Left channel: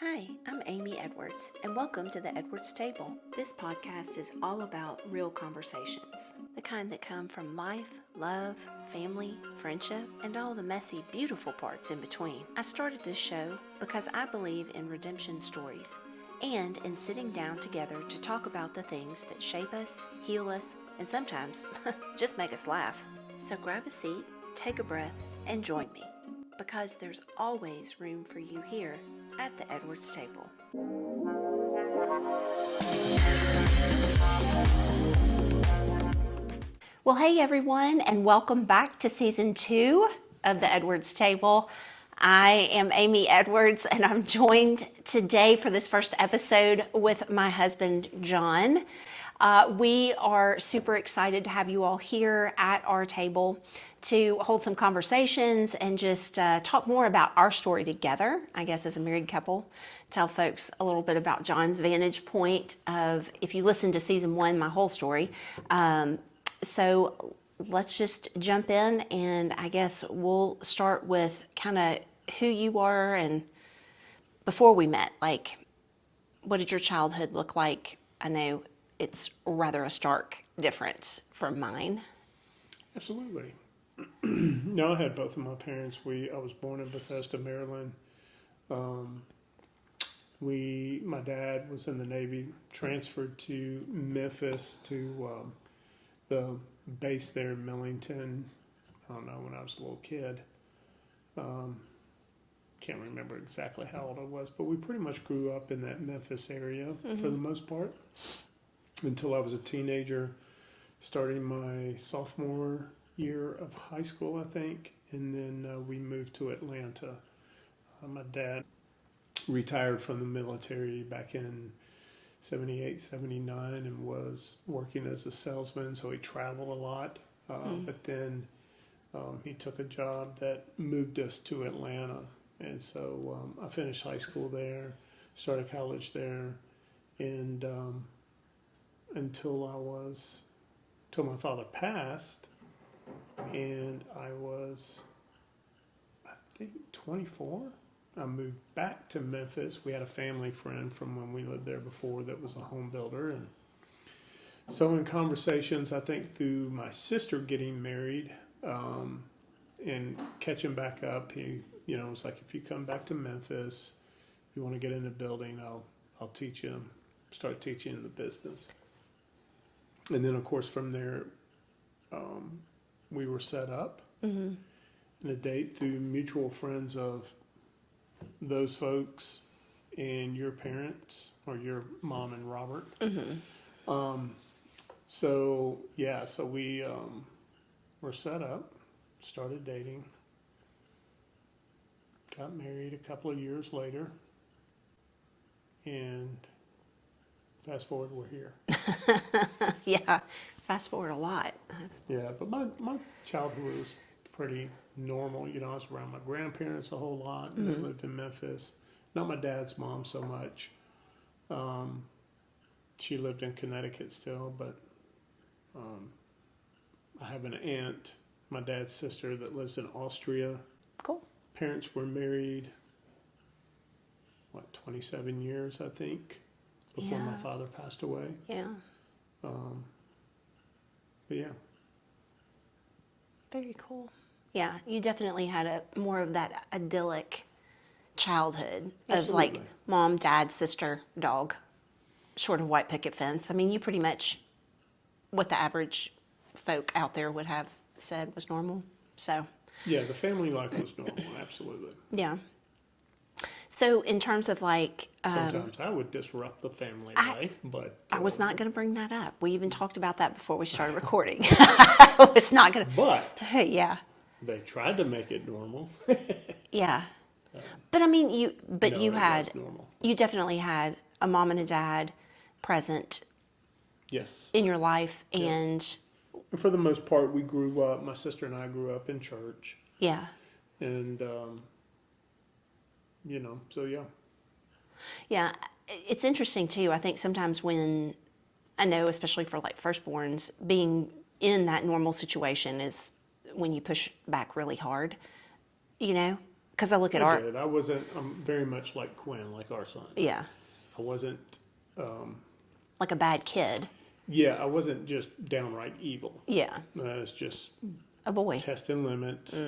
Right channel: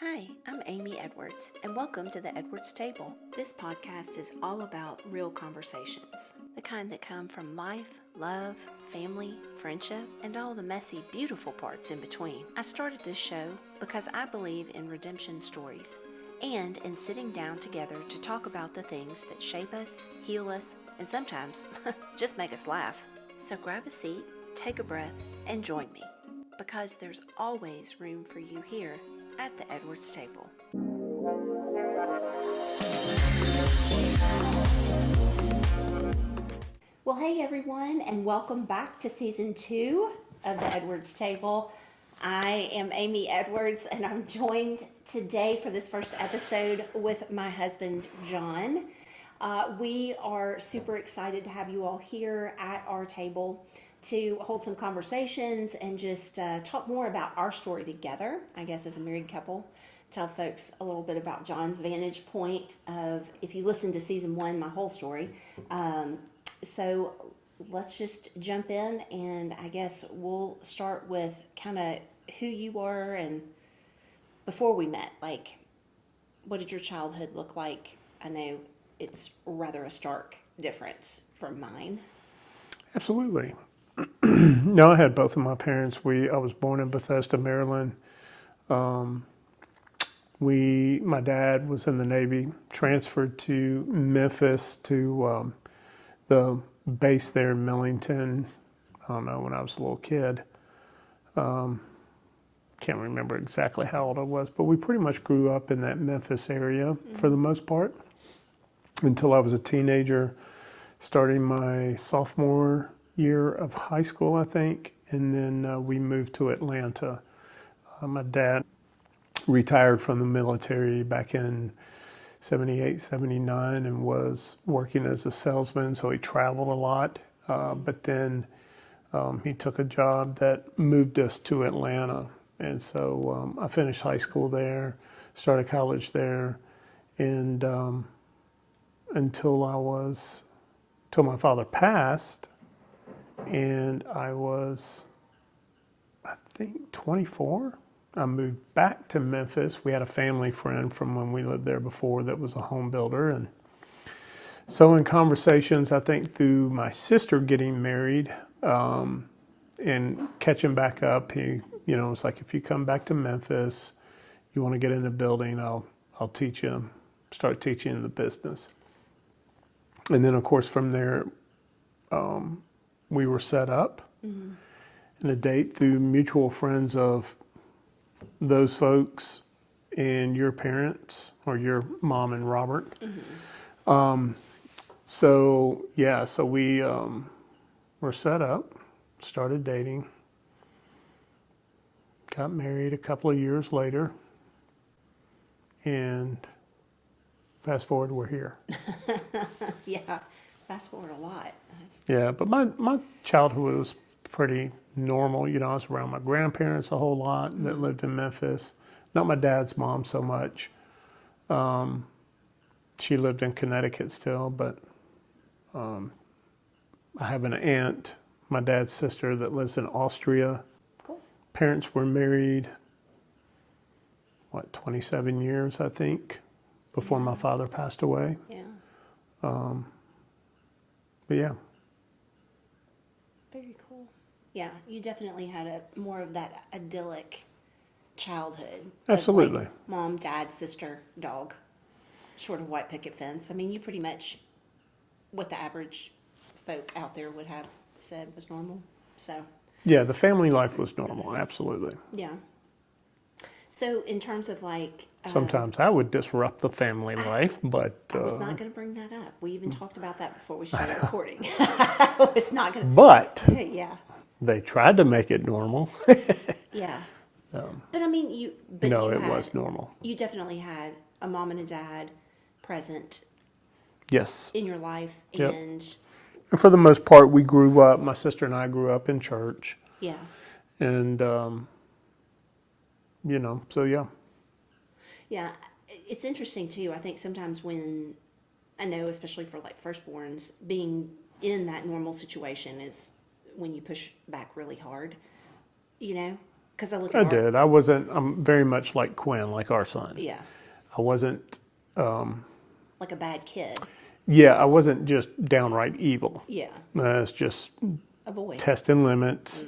Hi, I'm Amy Edwards, and welcome to the Edwards Table. This podcast is all about real conversations, the kind that come from life, love, family, friendship, and all the messy, beautiful parts in between. I started this show because I believe in redemption stories and in sitting down together to talk about the things that shape us, heal us, and sometimes just make us laugh. So grab a seat, take a breath, and join me, because there's always room for you here at the Edwards Table. Well, hey everyone, and welcome back to season 2 of the Edwards Table. I am Amy Edwards, and I'm joined today for this first episode with my husband, John. We are super excited to have you all here at our table to hold some conversations and just talk more about our story together, I guess, as a married couple. Tell folks a little bit about John's vantage point of, if you listen to season 1, my whole story. So let's just jump in, and I guess we'll start with kind of who you are and before we met. Like, what did your childhood look like? I know it's rather a stark difference from mine. Absolutely. No, I had both of my parents. I was born in Bethesda, Maryland. My dad was in the Navy, transferred to Memphis to the base there in Millington. I don't know, when I was a little kid. Can't remember exactly how old I was, but we pretty much grew up in that Memphis area for the most part until I was a teenager, starting my sophomore year of high school, I think, and then we moved to Atlanta. My dad retired from the military back in 78, 79 and was working as a salesman, so he traveled a lot. But then he took a job that moved us to Atlanta. And so I finished high school there, started college there, and until my father passed, and I was, I think, 24. I moved back to Memphis. We had a family friend from when we lived there before that was a home builder. And so in conversations, I think through my sister getting married and catching back up, he, it's like, if you come back to Memphis, you want to get into building, I'll start teaching you the business. And then, of course, from there, we were set up and a date through mutual friends of those folks and your parents, or your mom and Robert. So we were set up, started dating, got married a couple of years later, and fast forward, we're here. Yeah, fast forward a lot. Yeah, but my childhood was pretty normal. I was around my grandparents a whole lot that lived in Memphis. Not my dad's mom so much. She lived in Connecticut still, but I have an aunt, my dad's sister, that lives in Austria. Cool. Parents were married, 27 years, I think, before my father passed away. Yeah. But yeah. Very cool. Yeah, you definitely had more of that idyllic childhood. Absolutely. Of like mom, dad, sister, dog, short of white picket fence. I mean, you pretty much what the average folk out there would have said was normal. So. Yeah, the family life was normal, absolutely. Yeah. So in terms of like. Sometimes I would disrupt the family life, but. I was not going to bring that up. We even talked about that before we started recording. I was not going to. But. Yeah. They tried to make it normal. Yeah. But I mean, it was normal. You definitely had a mom and a dad present. Yes. In your life, Yep. and for the most part, we grew up. My sister and I grew up in church. Yeah. And so yeah. Yeah, it's interesting too. I think sometimes when I know, especially for like firstborns, being in that normal situation is when you push back really hard, Because I look at I did. I wasn't. I'm very much like Quinn, like our son. yeah, I wasn't. like a bad kid. Yeah, I wasn't just downright evil. Yeah, It's just a boy. testing limits,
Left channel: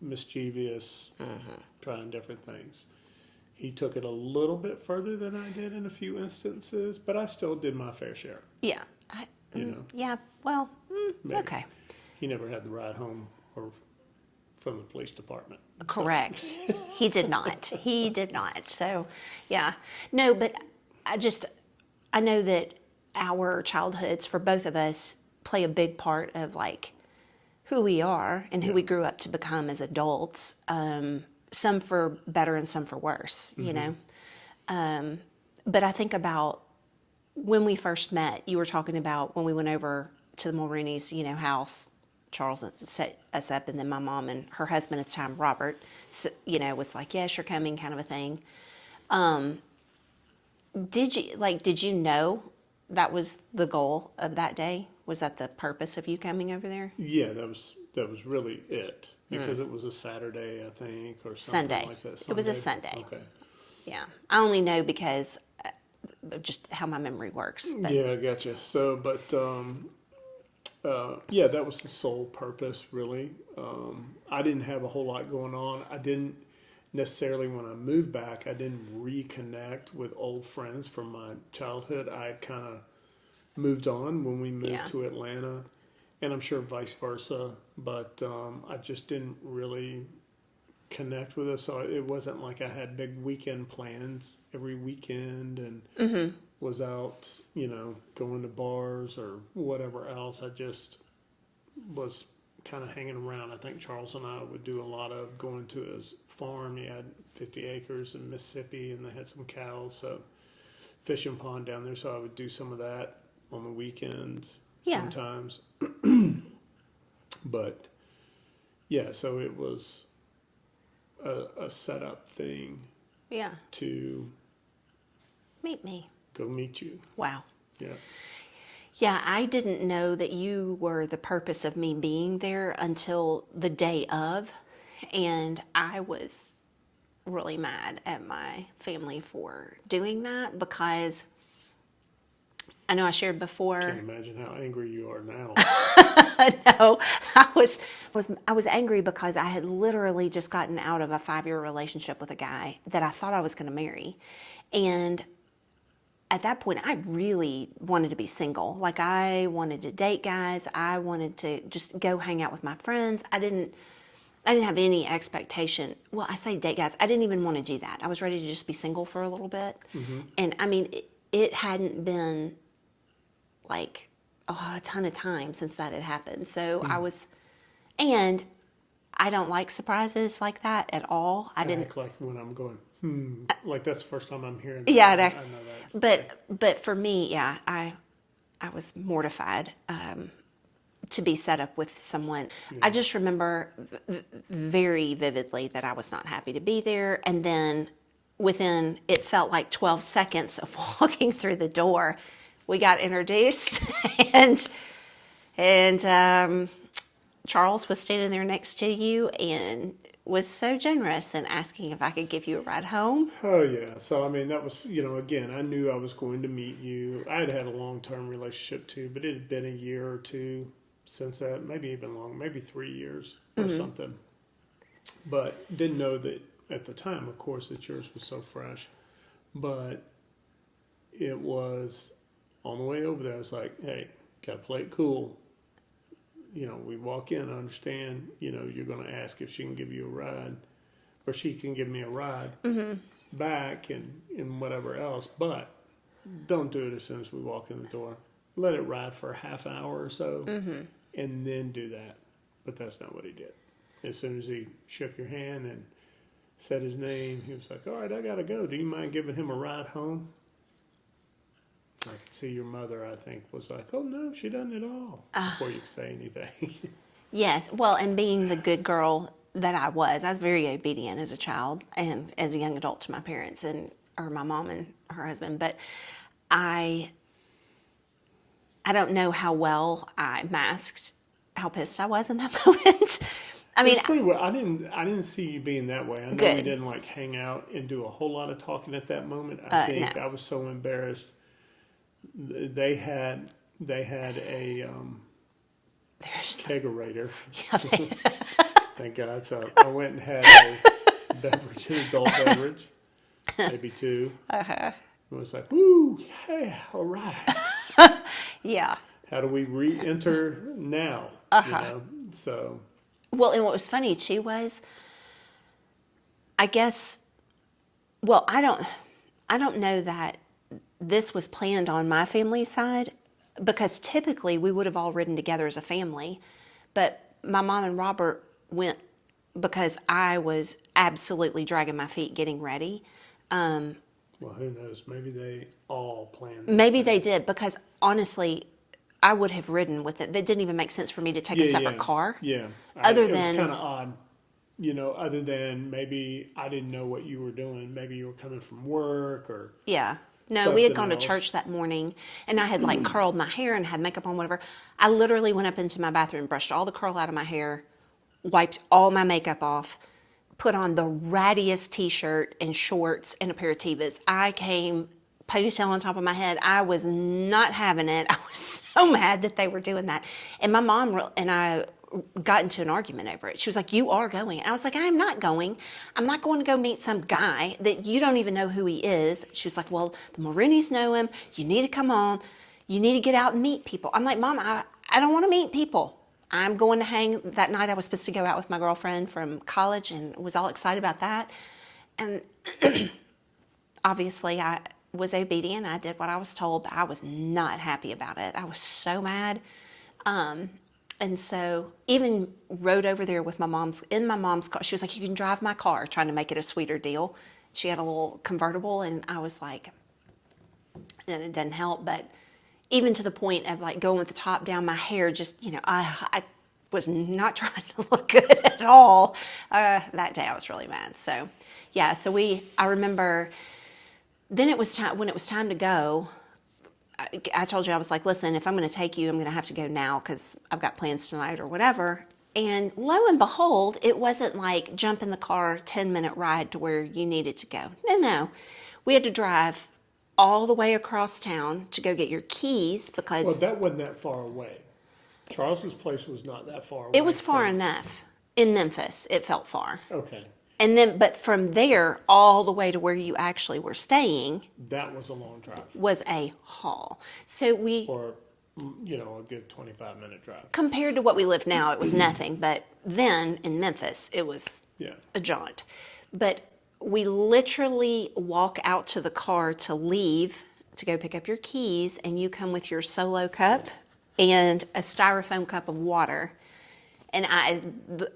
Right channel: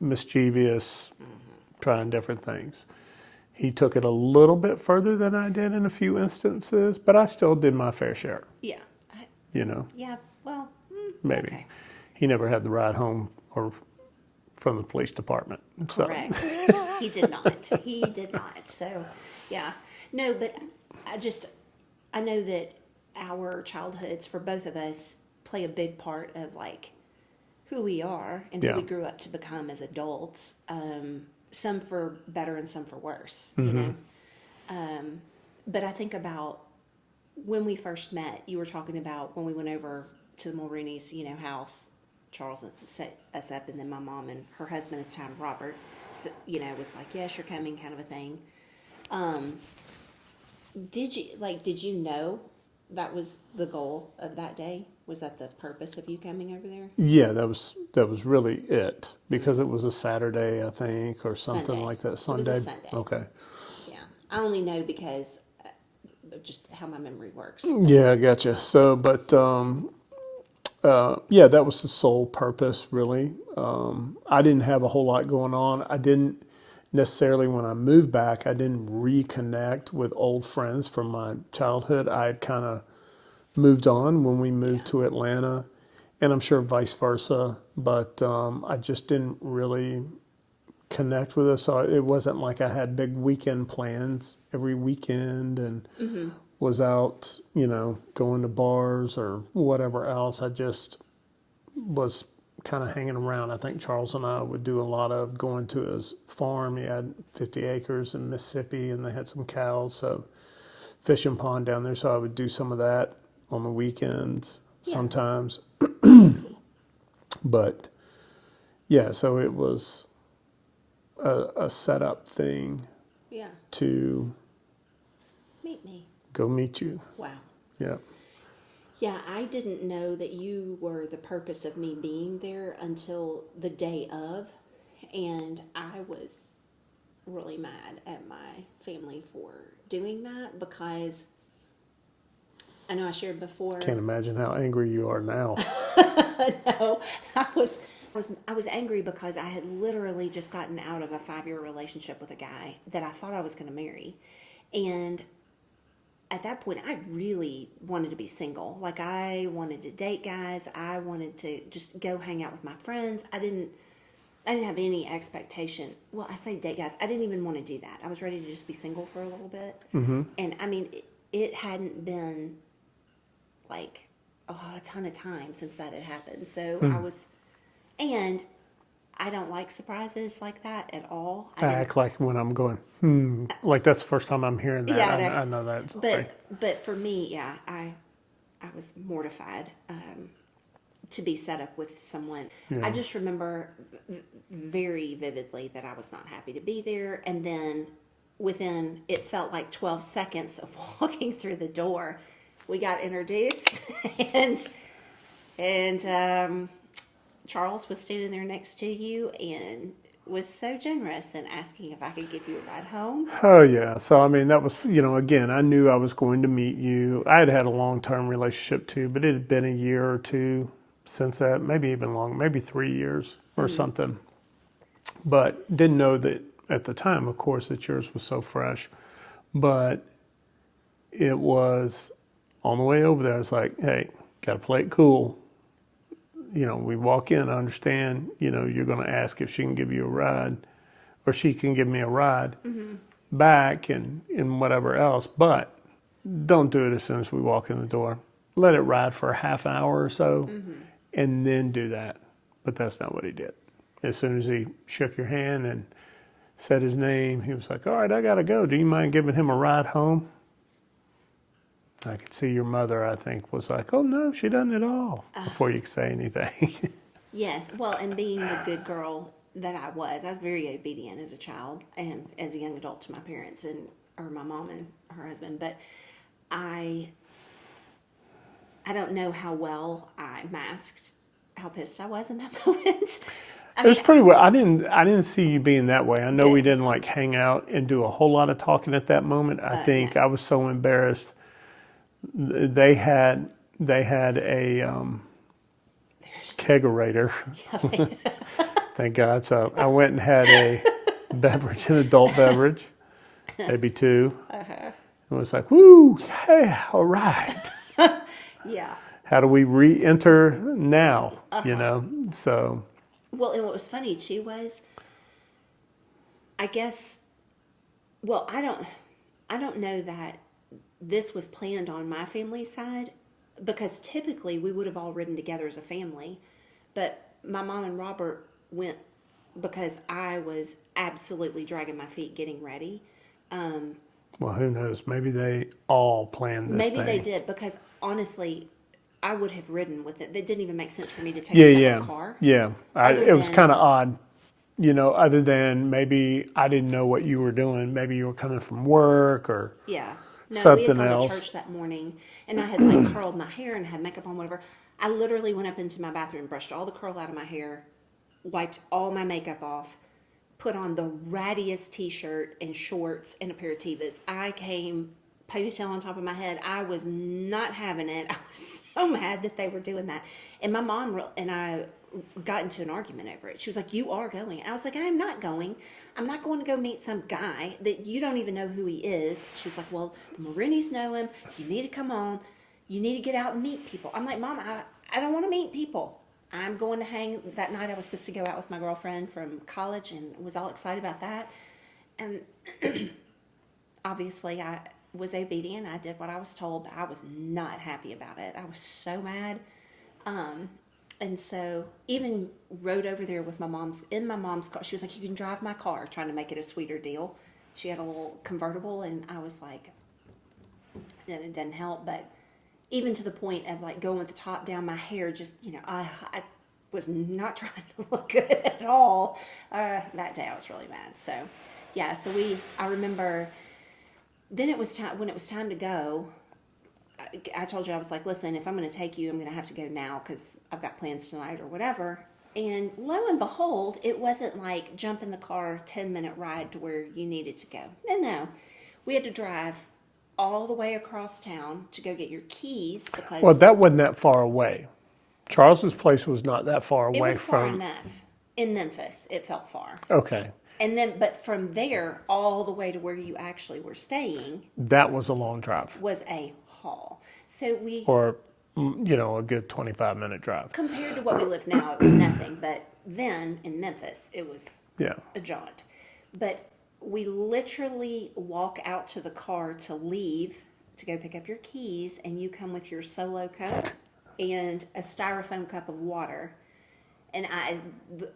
mischievous, trying different things. He took it a little bit further than I did in a few instances, but I still did my fair share. Yeah, You know, yeah. Well, maybe. okay, He never had the ride home or from the police department. So, correct. He did not. He did not. So, yeah, no, but I know that our childhoods for both of us play a big part of like who we are and who Yeah. we grew up to become as adults. Some for better and some for worse, you know. But I think about when we first met. You were talking about when we went over to the Mulrooney's, house. Charles set us up, and then my mom and her husband at the time, Robert, was like, "Yes, you're coming," kind of a thing. Did you know that was the goal of that day? Was that the purpose of you coming over there? yeah, that was really it because it was a Saturday, I think, or something Sunday. like that. It Sunday. was a Sunday. Okay. Yeah, I only know because of just how my memory works. Yeah, I gotcha. So, but yeah, that was the sole purpose, really. I didn't have a whole lot going on. I didn't necessarily, when I moved back, I didn't reconnect with old friends from my childhood. I had kind of moved on when we moved Yeah. to Atlanta, and I'm sure vice versa. But I just didn't really connect with us. So it wasn't like I had big weekend plans every weekend and was out, going to bars or whatever else. I just was kind of hanging around. I think Charles and I would do a lot of going to his farm. He had 50 acres in Mississippi and they had some cows, so fishing pond down there. So I would do some of that on the weekends Yeah. sometimes. But yeah, so it was a setup thing Yeah, to meet me. go meet you. Wow. Yeah. Yeah, I didn't know that you were the purpose of me being there until the day of, and I was really mad at my family for doing that because I know I shared before. Can't imagine how angry you are now. No, I was angry because I had literally just gotten out of a 5-year relationship with a guy that I thought I was going to marry, and at that point, I really wanted to be single. Like, I wanted to date guys. I wanted to just go hang out with my friends. I didn't have any expectation. Well, I say date guys. I didn't even want to do that. I was ready to just be single for a little bit. And I mean, it hadn't been like a ton of time since that had happened. So and I don't like surprises like that at all. I act like when I'm going, like that's the first time I'm hearing that. Yeah, I know that. But for me, yeah, I was mortified to be set up with someone. I just remember very vividly that I was not happy to be there. And then it felt like 12 seconds of walking through the door, we got introduced, and Charles was standing there next to you and was so generous and asking if I could give you a ride home. Oh yeah. So I mean, that was, again, I knew I was going to meet you. I had a long-term relationship too, but it had been a year or two since that, maybe even long, maybe 3 years or something. But didn't know that at the time, of course, that yours was so fresh. But it was on the way over there. I was like, hey, got to play it cool. We walk in, I understand, you're going to ask if she can give you a ride or she can give me a ride back and whatever else. But don't do it as soon as we walk in the door. Let it ride for a half hour or so and then do that. But that's not what he did. As soon as he shook your hand and said his name, he was like, all right, I got to go. Do you mind giving him a ride home? I could see your mother, I think, was like, oh, no, she doesn't at all, before you could say anything. Yes, well, and being the good girl that I was very obedient as a child and as a young adult to my parents or my mom and her husband. But I don't know how well I masked how pissed I was in that moment. I It was mean, pretty well. I didn't see you being that way. I know we good. didn't like hang out and do a whole lot of talking at that moment. I No. think I was so embarrassed. They had a There's, kegerator. yeah, Thank God. So I went and had a beverage, an adult beverage, maybe two. uh-huh. It was like, woo, yeah, all right. Yeah. How do we re-enter now? Uh-huh. So Well, and what was funny too was, I guess, well, I don't know that this was planned on my family's side because typically we would have all ridden together as a family, but my mom and Robert went because I was absolutely dragging my feet getting ready. well, who knows? Maybe they all planned this Maybe they thing. did because honestly, I would have ridden with it. That didn't even make sense for me to take Yeah, a separate yeah, car. yeah. Other It was than kind of odd, other than maybe I didn't know what you were doing. Maybe you were coming from work or Yeah. No, we had something gone to else. church that morning and I had like curled my hair and had makeup on, whatever. I literally went up into my bathroom, brushed all the curl out of my hair, wiped all my makeup off, put on the rattiest t shirt and shorts and a pair of Tevas. I came ponytail on top of my head. I was not having it. I was so mad that they were doing that. And my mom and I got into an argument over it. She was like, "You are going." I was like, "I'm not going. I'm not going to go meet some guy that you don't even know who he is." She was like, "Well, the Marinis know him. You need to come on. You need to get out and meet people." I'm like, "Mom, I don't want to meet people. I'm going to hang." That night I was supposed to go out with my girlfriend from college and was all excited about that. And obviously I was obedient. I did what I was told, but I was not happy about it. I was so mad. And so even rode over there with in my mom's car. She was like, "You can drive my car," trying to make it a sweeter deal. She had a little convertible and I was like, and it doesn't help, but even to the point of like going with the top down, my hair just, I was not trying to look good at all. That day I was really mad. So yeah, I remember then when it was time to go, I told you, I was like, "Listen, if I'm going to take you, I'm going to have to go now because I've got plans tonight or whatever." And lo and behold, it wasn't like jump in the car, 10-minute ride to where you needed to go. No, no. We had to drive all the way across town to go get your keys Well, because that wasn't that far away. Charles's place was not that far it away was far from. enough. In Memphis, it felt far. Okay, And then, but from there all the way to where you actually were staying that was a long drive, was a haul. So or a good 25-minute drive. compared to what we live now, it was nothing. But then in Memphis, it was Yeah. a jaunt. But we literally walk out to the car to leave to go pick up your keys, and you come with your solo cup and a styrofoam cup of water. And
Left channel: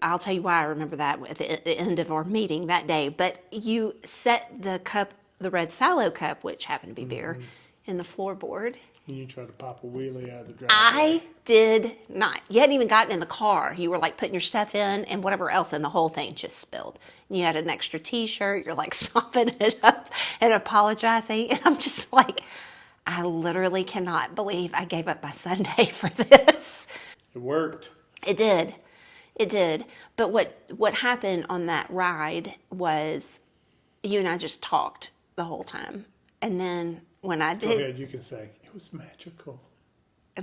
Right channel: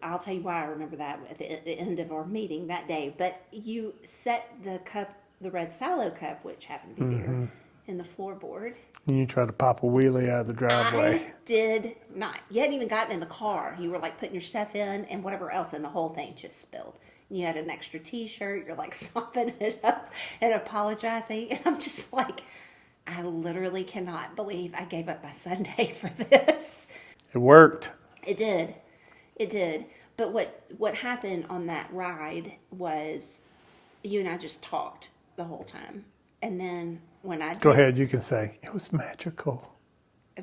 I'll tell you why I remember that at the end of our meeting that day. But you set the cup, the red Salo cup, which happened to be beer, in the floorboard. And you tried to pop a wheelie out of the I driveway. did not. You hadn't even gotten in the car. You were like putting your stuff in and whatever else, and the whole thing just spilled. And you had an extra T-shirt. You're like sopping it up and apologizing. And I'm just like, I literally cannot believe I gave up my Sunday for this. It worked. It did. It did. But what happened on that ride was you and I just talked the whole time. And then when I did, Go ahead, you can say it was magical.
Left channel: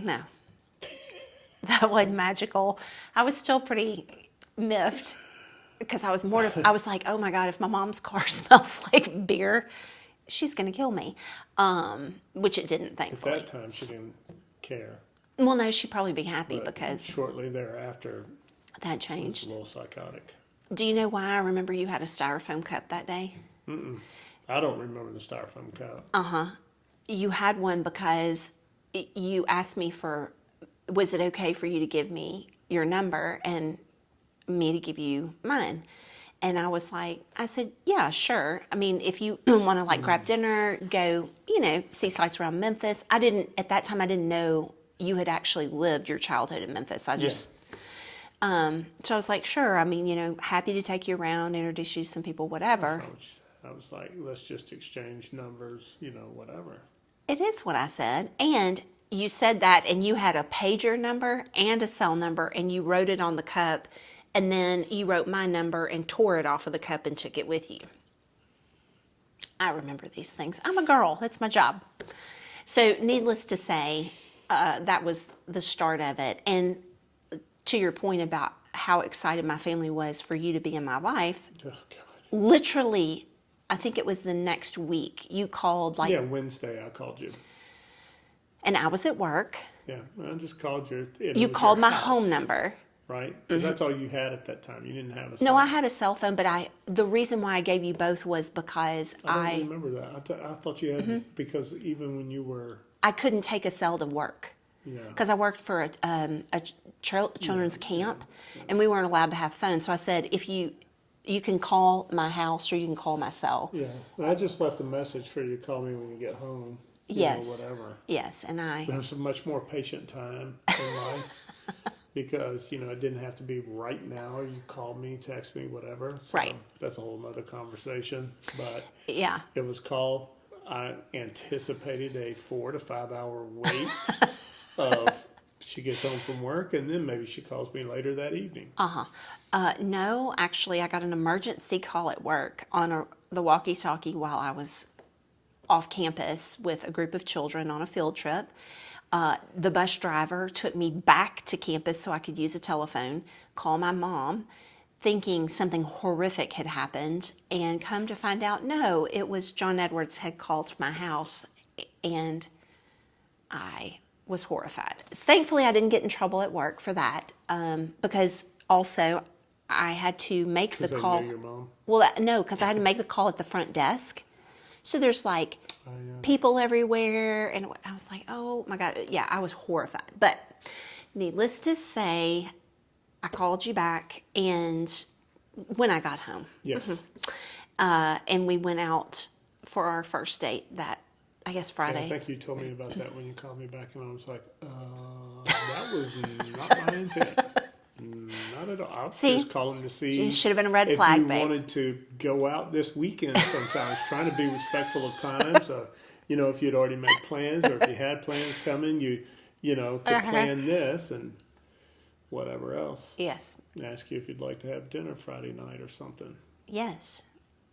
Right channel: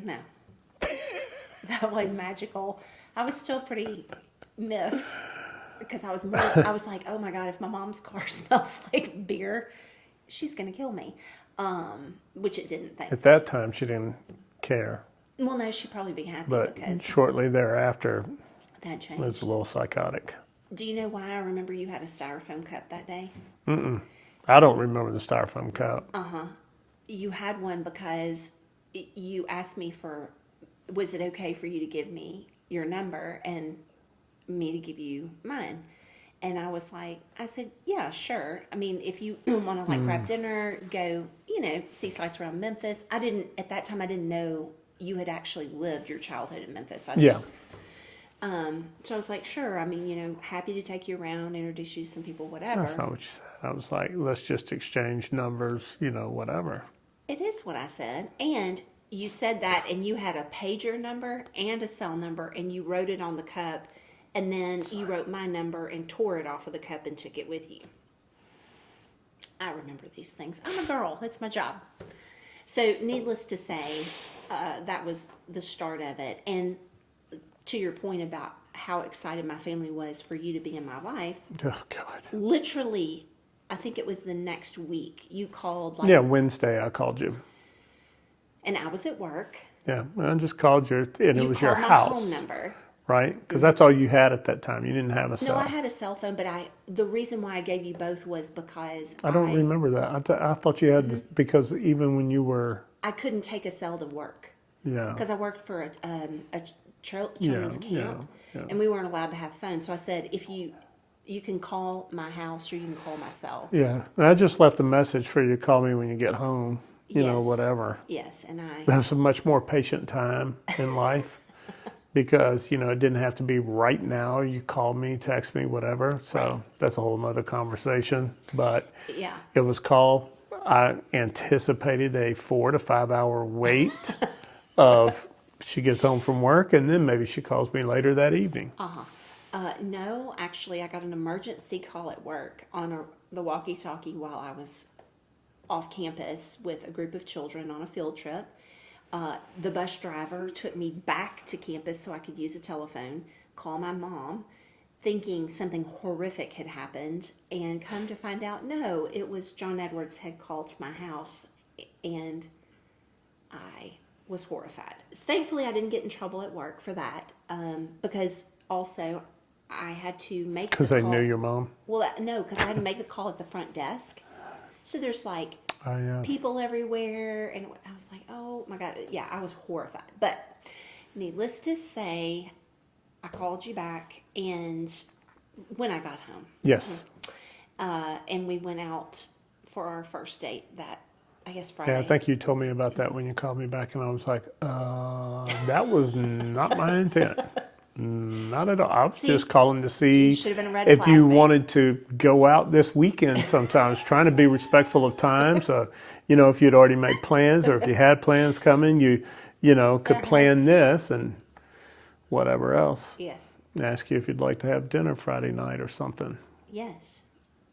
no, that wasn't magical. I was still pretty miffed because I was like, "Oh my God, if my mom's car smells like beer, she's gonna kill me." Which it didn't, At thankfully. that time, she didn't care, Well, no, she'd probably be happy but because shortly thereafter, that it was changed. a little psychotic. Do you know why I remember you had a styrofoam cup that day? I don't remember the styrofoam cup. You had one because you asked me was it okay for you to give me your number and me to give you mine? And I said, "Yeah, sure. I mean, if you want to like grab dinner, go, see sights around Memphis." At that time, I didn't know you had actually lived your childhood in Memphis. So I was like, "Sure. I mean, happy to take you around, introduce you to some people, whatever." That's not what you said. I was like, let's just exchange numbers, whatever. It is what I said. And you said that, and you had a pager number and a cell number, and you wrote it on the cup, and then you wrote my number and tore it off of the cup and took it with you. I remember these things. I'm a girl. That's my job. So needless to say, that was the start of it. And to your point about how excited my family was for you to be in my life, Oh, God. literally, I think it was the next week, you called Yeah, Wednesday I called you. and I was at work. Yeah, I just called you, and You it was called your my house, home number. right? Because that's all you had at that time. You didn't have a cell. No, I had a cell phone, but the reason why I gave you both was because I don't remember that. I thought you had Mm-hmm. this, because even when you were, I couldn't take a cell to work yeah, because I worked for a children's Yeah, camp, yeah. and we weren't allowed to have phones. So I said, if you can call my house or you can call my cell. yeah. And I just left a message for you to call me when you get home. You know, Yes. whatever. Yes, and I Have some much more patient time in life. Because, it didn't have to be right now. You called me, text me, whatever. So Right. that's a whole nother conversation. But yeah. it was called, I anticipated a 4 to 5 hour wait of she gets home from work and then maybe she calls me later that evening. No, actually, I got an emergency call at work on the walkie-talkie while I was off campus with a group of children on a field trip. The bus driver took me back to campus so I could use a telephone, call my mom, thinking something horrific had happened, and come to find out, no, it was John Edwards had called my house, and I was horrified. Thankfully, I didn't get in trouble at work for that, because also I had to make the Because they call. knew your mom. Well, no, because I had to make the call at the front desk. So there's like Oh, yeah. people everywhere, and I was like, oh my God, yeah, I was horrified. But needless to say, I called you back, and when I got home, Yes. and we went out for our first date that, I guess, Yeah, Friday. I think you told me about that when you called me back, and I was like, that was not my intent. Not at all. I was See? just calling to see You should have been a red if flag, you babe. wanted to go out this weekend sometimes, trying to be respectful of time. So, if you'd already made plans or if you had plans coming, you could plan this and whatever else. Yes, Ask you if you'd like to have dinner Friday night or something. yes.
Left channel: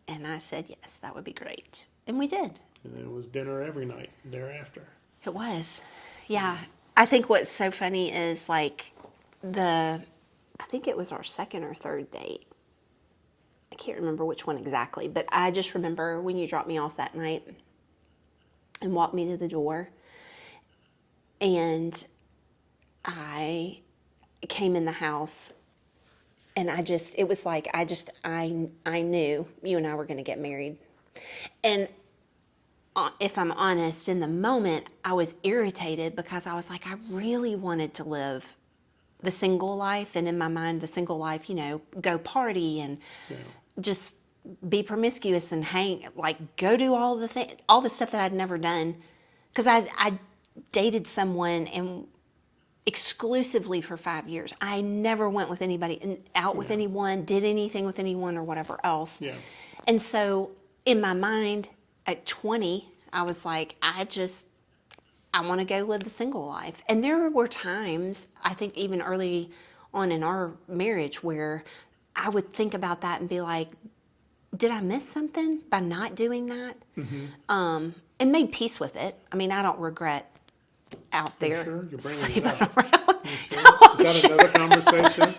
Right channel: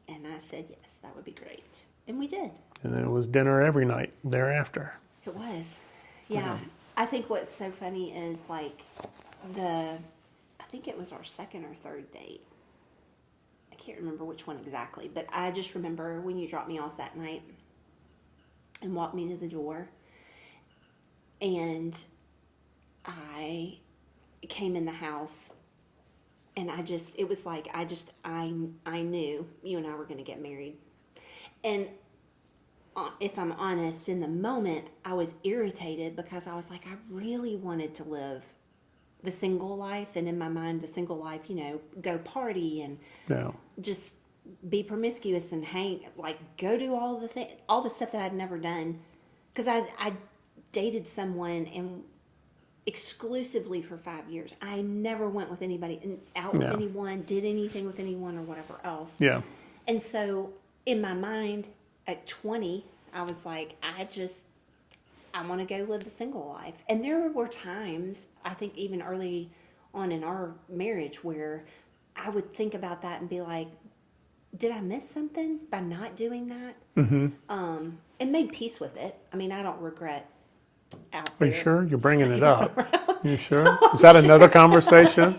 And I said, yes, that would be great. And we did. And then it was dinner every night thereafter. It was. Yeah. I think what's so funny is like I think it was our second or third date. I can't remember which one exactly, but I just remember when you dropped me off that night and walked me to the door, and I came in the house, and it was like I knew you and I were going to get married. And if I'm honest, in the moment, I was irritated because I was like, I really wanted to live the single life, and in my mind, the single life, go party and Yeah. just be promiscuous and go do all the stuff that I'd never done, because I dated someone and exclusively for 5 years. I never went with anybody, out with Yeah. anyone, did anything with anyone or whatever else. Yeah. And so in my mind at 20, I was like, I want to go live the single life. And there were times, I think even early on in our marriage, where I would think about that and be like, did I miss something by not doing that? Mm-hmm. And made peace with it. I mean, I don't regret out Are you there. sure? You're bringing it sleeping up. around. You sure? Is that another conversation?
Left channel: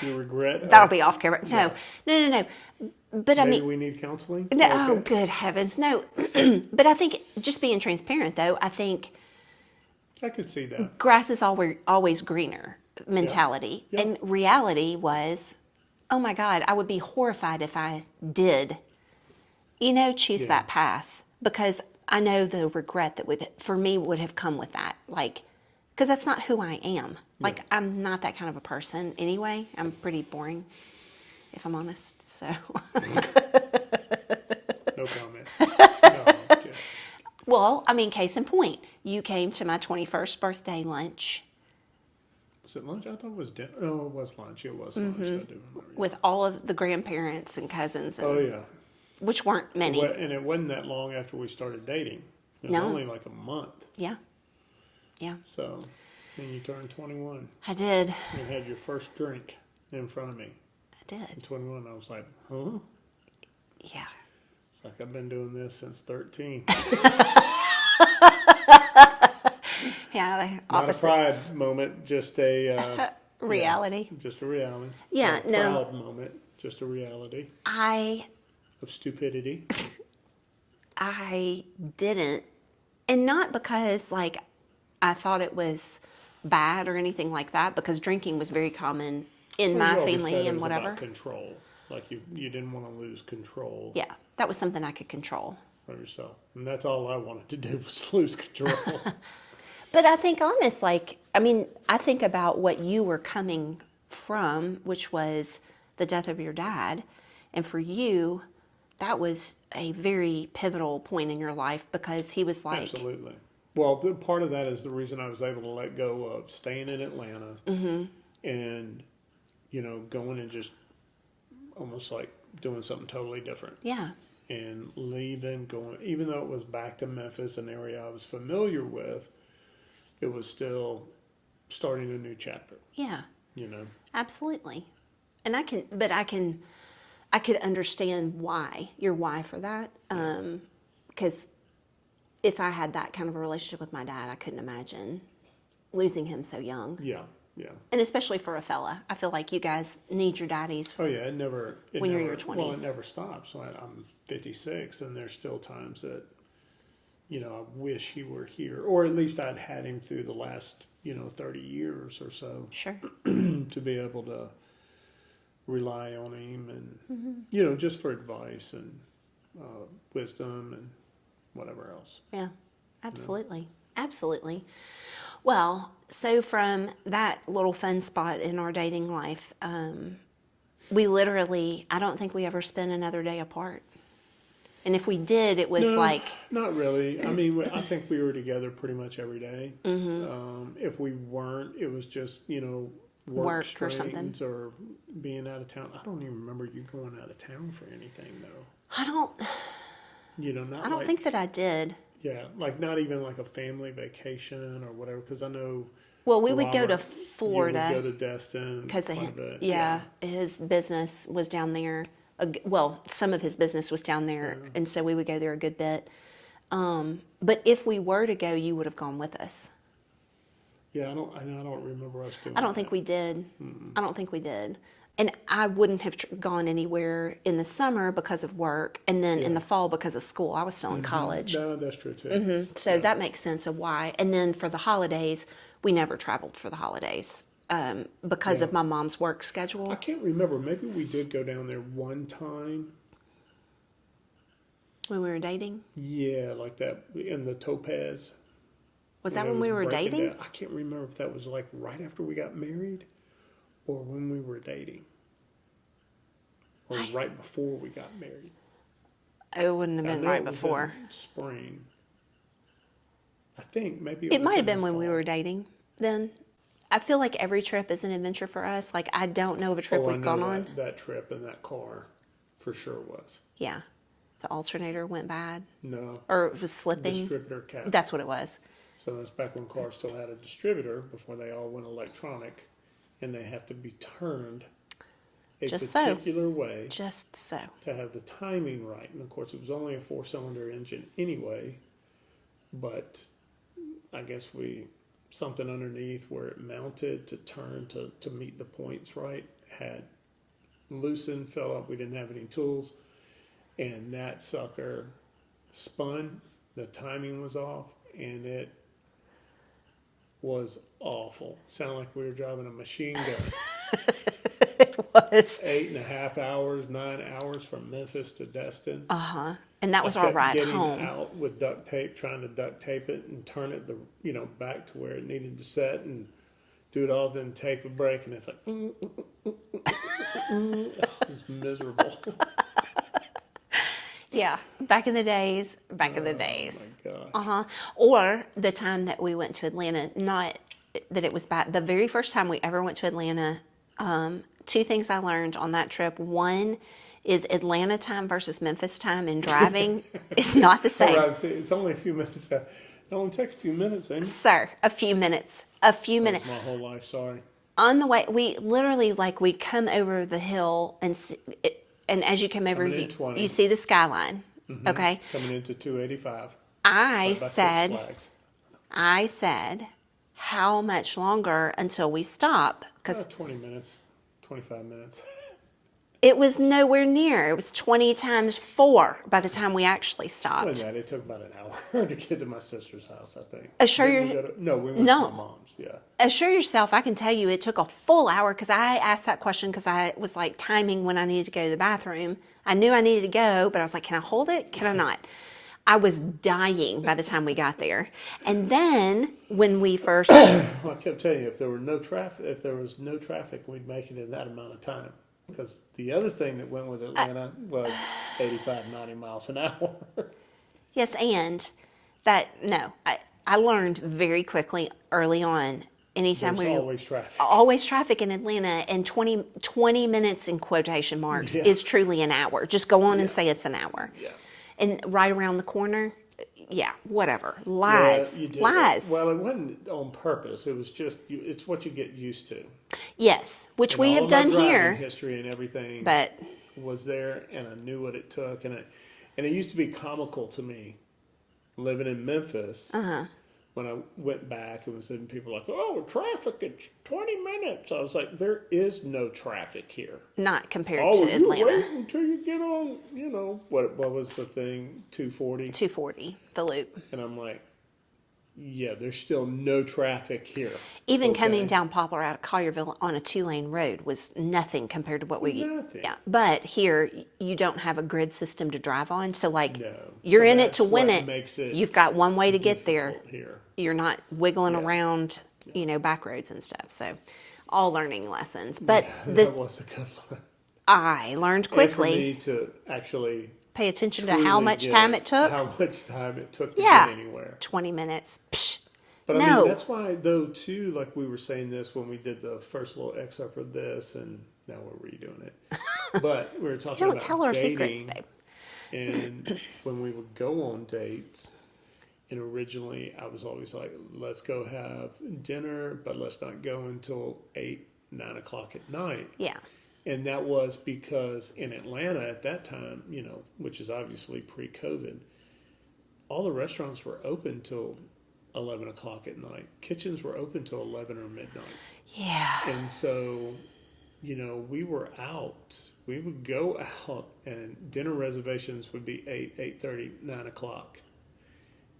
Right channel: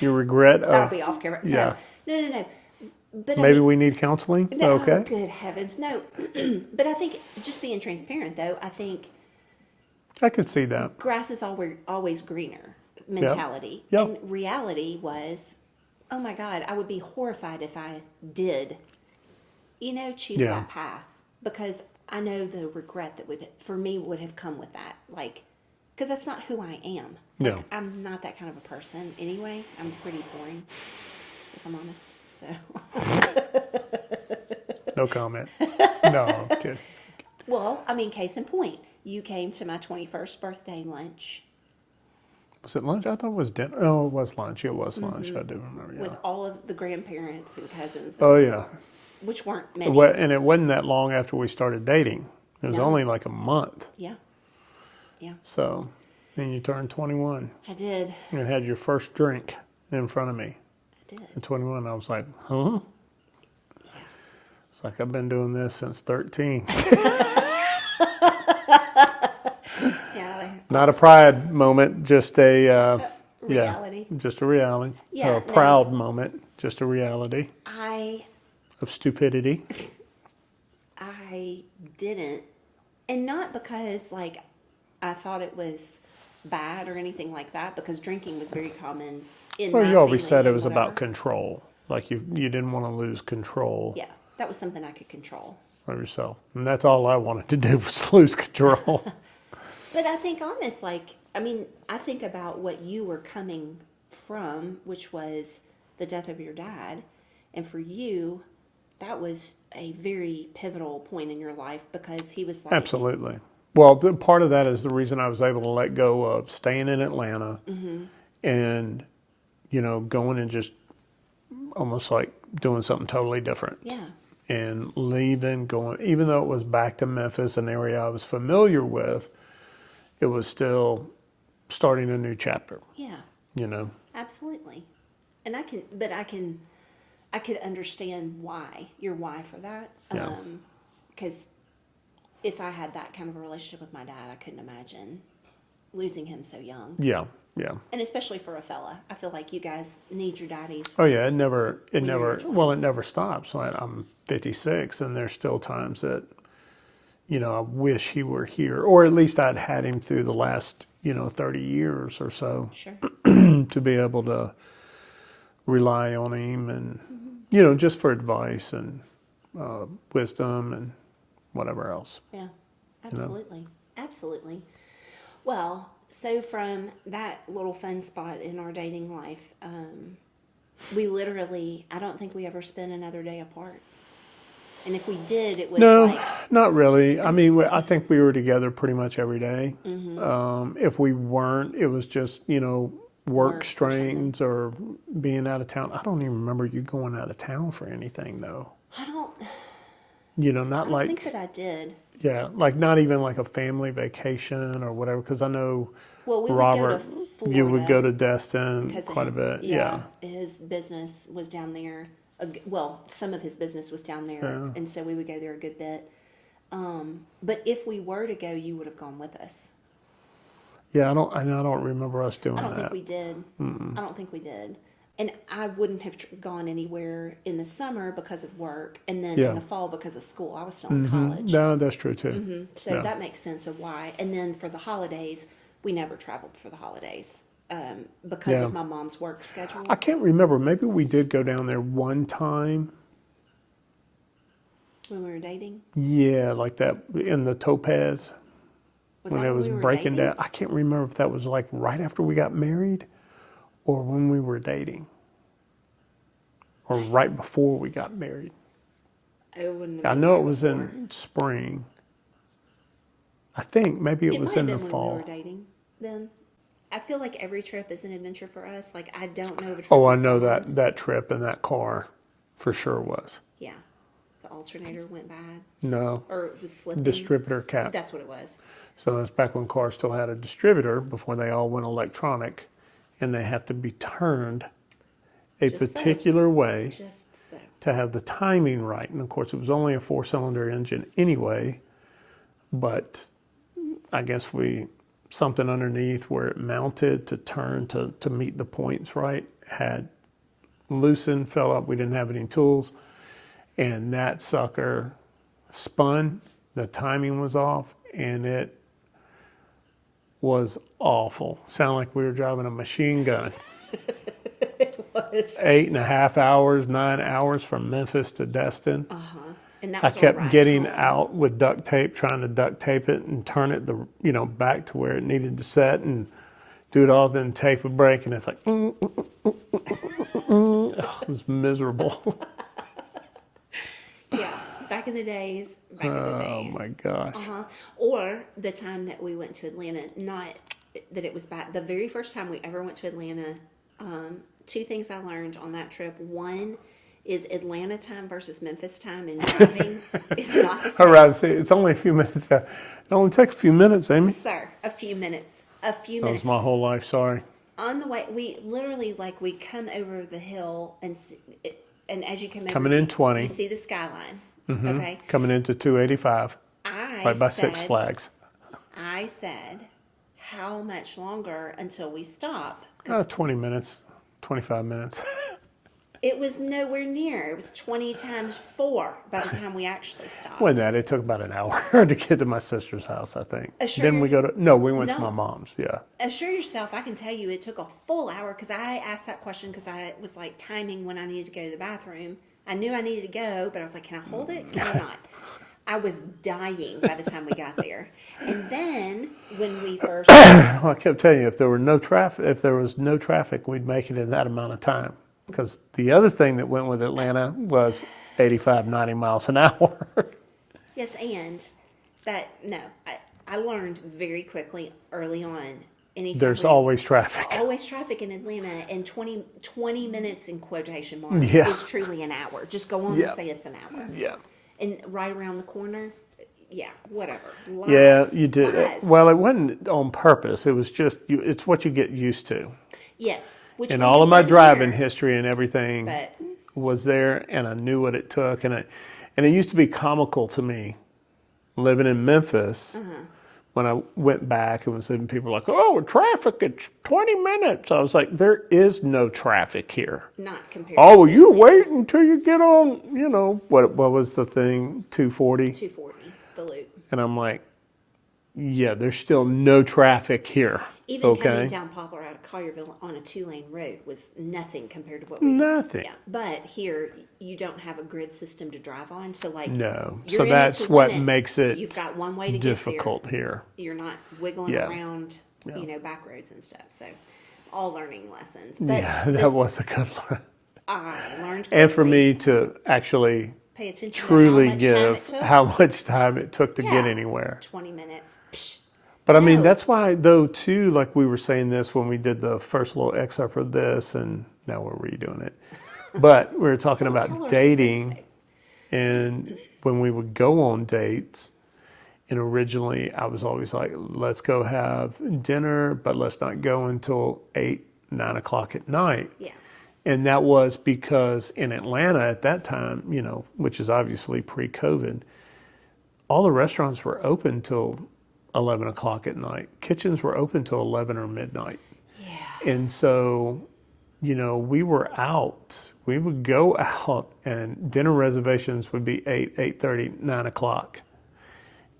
You regret? That'll be off camera. yeah. No. But I Maybe mean, we need counseling? no, Okay. oh, good heavens, no. But I think, just being transparent though, I think I could see that. grass is always greener mentality. Yep. And reality was, oh my God, I would be horrified if I did, choose Yeah. that path, because I know the regret that would have come with that. Because that's not who I am. No. I'm not that kind of a person anyway. I'm pretty boring, if I'm honest. So. No comment. No. Okay. Well, I mean, case in point, you came to my 21st birthday lunch Was it lunch? I thought it was dinner. Oh, it was lunch. It was lunch. I do remember. Yeah. with all of the grandparents and cousins, Oh, yeah. which weren't many. And it wasn't that long after we started dating. It was No. only like a month. Yeah. So, and you turned 21 I did. and had your first drink. in front of me I did. at 21. I was like, huh? Yeah. It's like I've been doing this since 13. Yeah. Not a pride moment, just a reality. Yeah, just a reality. Yeah, Or a no. proud moment, just a reality I of stupidity. didn't, and not because like I thought it was bad or anything like that, because drinking was very common in Well, my you always family said it and was whatever. about control. Like you didn't want to lose control Yeah, that was something I could control. of yourself. And that's all I wanted to do was lose control. But I think honest, like, I mean, I think about what you were coming from, which was the death of your dad. And for you, that was a very pivotal point in your life because he was like, Absolutely. Well, part of that is the reason I was able to let go of staying in Atlanta and, going and just almost like doing something totally different. yeah, And leaving, going, even though it was back to Memphis, an area I was familiar with, it was still starting a new chapter, yeah, absolutely. And I could understand your why for that. Yeah. Because if I had that kind of a relationship with my dad, I couldn't imagine losing him so young. Yeah, yeah. And especially for a fella, I feel like you guys need your daddies. Oh yeah, it you're in your well, it 20s. never stops. I'm 56 and there's still times that, I wish he were here, or at least I'd had him through the last, 30 years or so Sure. to be able to rely on him and, just for advice and wisdom and whatever else. Yeah, absolutely. Absolutely. Well, so from that little fun spot in our dating life, we literally, I don't think we ever spent another day apart. And if we did, it was No, like, not really. I mean, I think we were together pretty much every day. If we weren't, it was just, work Work or strains or being out of town. I don't even remember you going out of town for anything though. I don't Not think like, that I did. yeah, like not even like a family vacation or whatever. Because I know Well, we would go to Robert, Florida. you would go to Destin because quite a bit. Yeah, his business was down there. Well, some of his business was down there, Yeah. and so we would go there a good bit. But if we were to go, you would have gone with us. Yeah, I don't remember us doing I don't that. think we did. I don't think we did. And I wouldn't have gone anywhere in the summer because of work, and then Yeah. in the fall because of school. I was still in college. No, that's true too. So Yeah. that makes sense of why. And then for the holidays, we never traveled for the holidays because Yeah. of my mom's work schedule. I can't remember. Maybe we did go down there one time. When we were dating. Yeah, like that in the Topaz. Was when that it when was we were breaking dating? down. I can't remember if that was like right after we got married or when we were dating or right before we got married. It wouldn't have I been know right it was before. in spring. I think maybe it It was might have in been the when fall. we were dating then. I feel like every trip is an adventure for us. Like, I don't know of a trip Oh, I we've know gone that on. that trip in that car for sure was. Yeah. The alternator went bad No, or it was slipping. distributor cap. That's what it was. So that's back when cars still had a distributor before they all went electronic, and they have to be turned a Just so. particular way Just so. to have the timing right. And of course, it was only a 4-cylinder engine anyway, but I guess something underneath where it mounted to turn to meet the points right had loosened, fell up. We didn't have any tools, and that sucker spun. The timing was off, and it was awful. Sounded like we were driving a machine gun. It was. 8.5 hours, 9 hours from Memphis to Destin. And that I was our kept ride getting home. out with duct tape, trying to duct tape it and turn it back to where it needed to set and do it all, then tape a break, and it's like, oh, it was miserable. Yeah. Back in the days. Back in the days. Oh my gosh. Or the time that we went to Atlanta, not that it was bad. The very first time we ever went to Atlanta, two things I learned on that trip. One is Atlanta time versus Memphis time in driving. It's not the same. All right, see, it's only a few minutes. It only takes a few minutes, Amy. Sir, a few minutes. A few That was minutes. my whole life, sorry. On the way, we literally we come over the hill and as you come over, Coming in 20. you see the skyline. Okay, Coming into 285, right by Six Flags. I said, how much longer until we stop? Because 20 minutes, 25 minutes. it was nowhere near. It was 20 times 4 by the time we actually stopped. Wasn't that? It took about an hour to get to my sister's house, I think. Assure Then we your- go to, no, we went to No. my mom's, yeah. Assure yourself, I can tell you it took a full hour because I asked that question because I was timing when I needed to go to the bathroom. I knew I needed to go, but I was like, can I hold it? Can I not? I was dying by the time we got there. And then when we first, Well, I kept telling you, if there was no traffic, we'd make it in that amount of time. Because the other thing that went with Atlanta was 85, 90 miles an hour. yes, and that, no, I learned very quickly early on, anytime There's always traffic. always traffic in Atlanta, and 20 minutes in quotation marks Yeah. is truly an hour. Just go on and Yeah. say it's an hour. Yeah. And right around the corner, yeah, whatever. Lies. Yeah, you did. Lies. Well, it wasn't on purpose. It was just, it's what you get used to. Yes, which And we all have of my done driving here, history and everything but was there, and I knew what it took. And it used to be comical to me living in Memphis when I went back and was and people were like, oh, traffic, it's 20 minutes. I was like, there is no traffic here. not compared Oh, to you Atlanta. wait until you get on, what was the thing, 240? 240, the loop. And I'm like, yeah, there's still no traffic here. Even okay? coming down Poplar out of Collierville on a 2-lane road was nothing compared to what we. Nothing. Yeah, but here you don't have a grid system to drive on, so No. you're So in that's it to what win it. makes it You've got one way to get there. difficult here. You're not wiggling Yeah. around, back roads and stuff. So, all learning lessons. But Yeah, that was a good one. I learned quickly. And for me to actually pay attention to truly how much give time it took. how much time it took to Yeah. get anywhere. 20 minutes. Psh. But I mean, No. that's why, though, too, like we were saying this when we did the first little excerpt of this, and now we're redoing it. But we were talking Don't tell about our secrets, dating, babe. and when we would go on dates, and originally I was always like, let's go have dinner, but let's not go until 8, 9 o'clock at night. Yeah. And that was because in Atlanta at that time, which is obviously pre-COVID, all the restaurants were open till 11 o'clock at night. Kitchens were open till 11 or midnight. Yeah. And so, we were out. We would go out and dinner reservations would be 8, 8:30, 9 o'clock.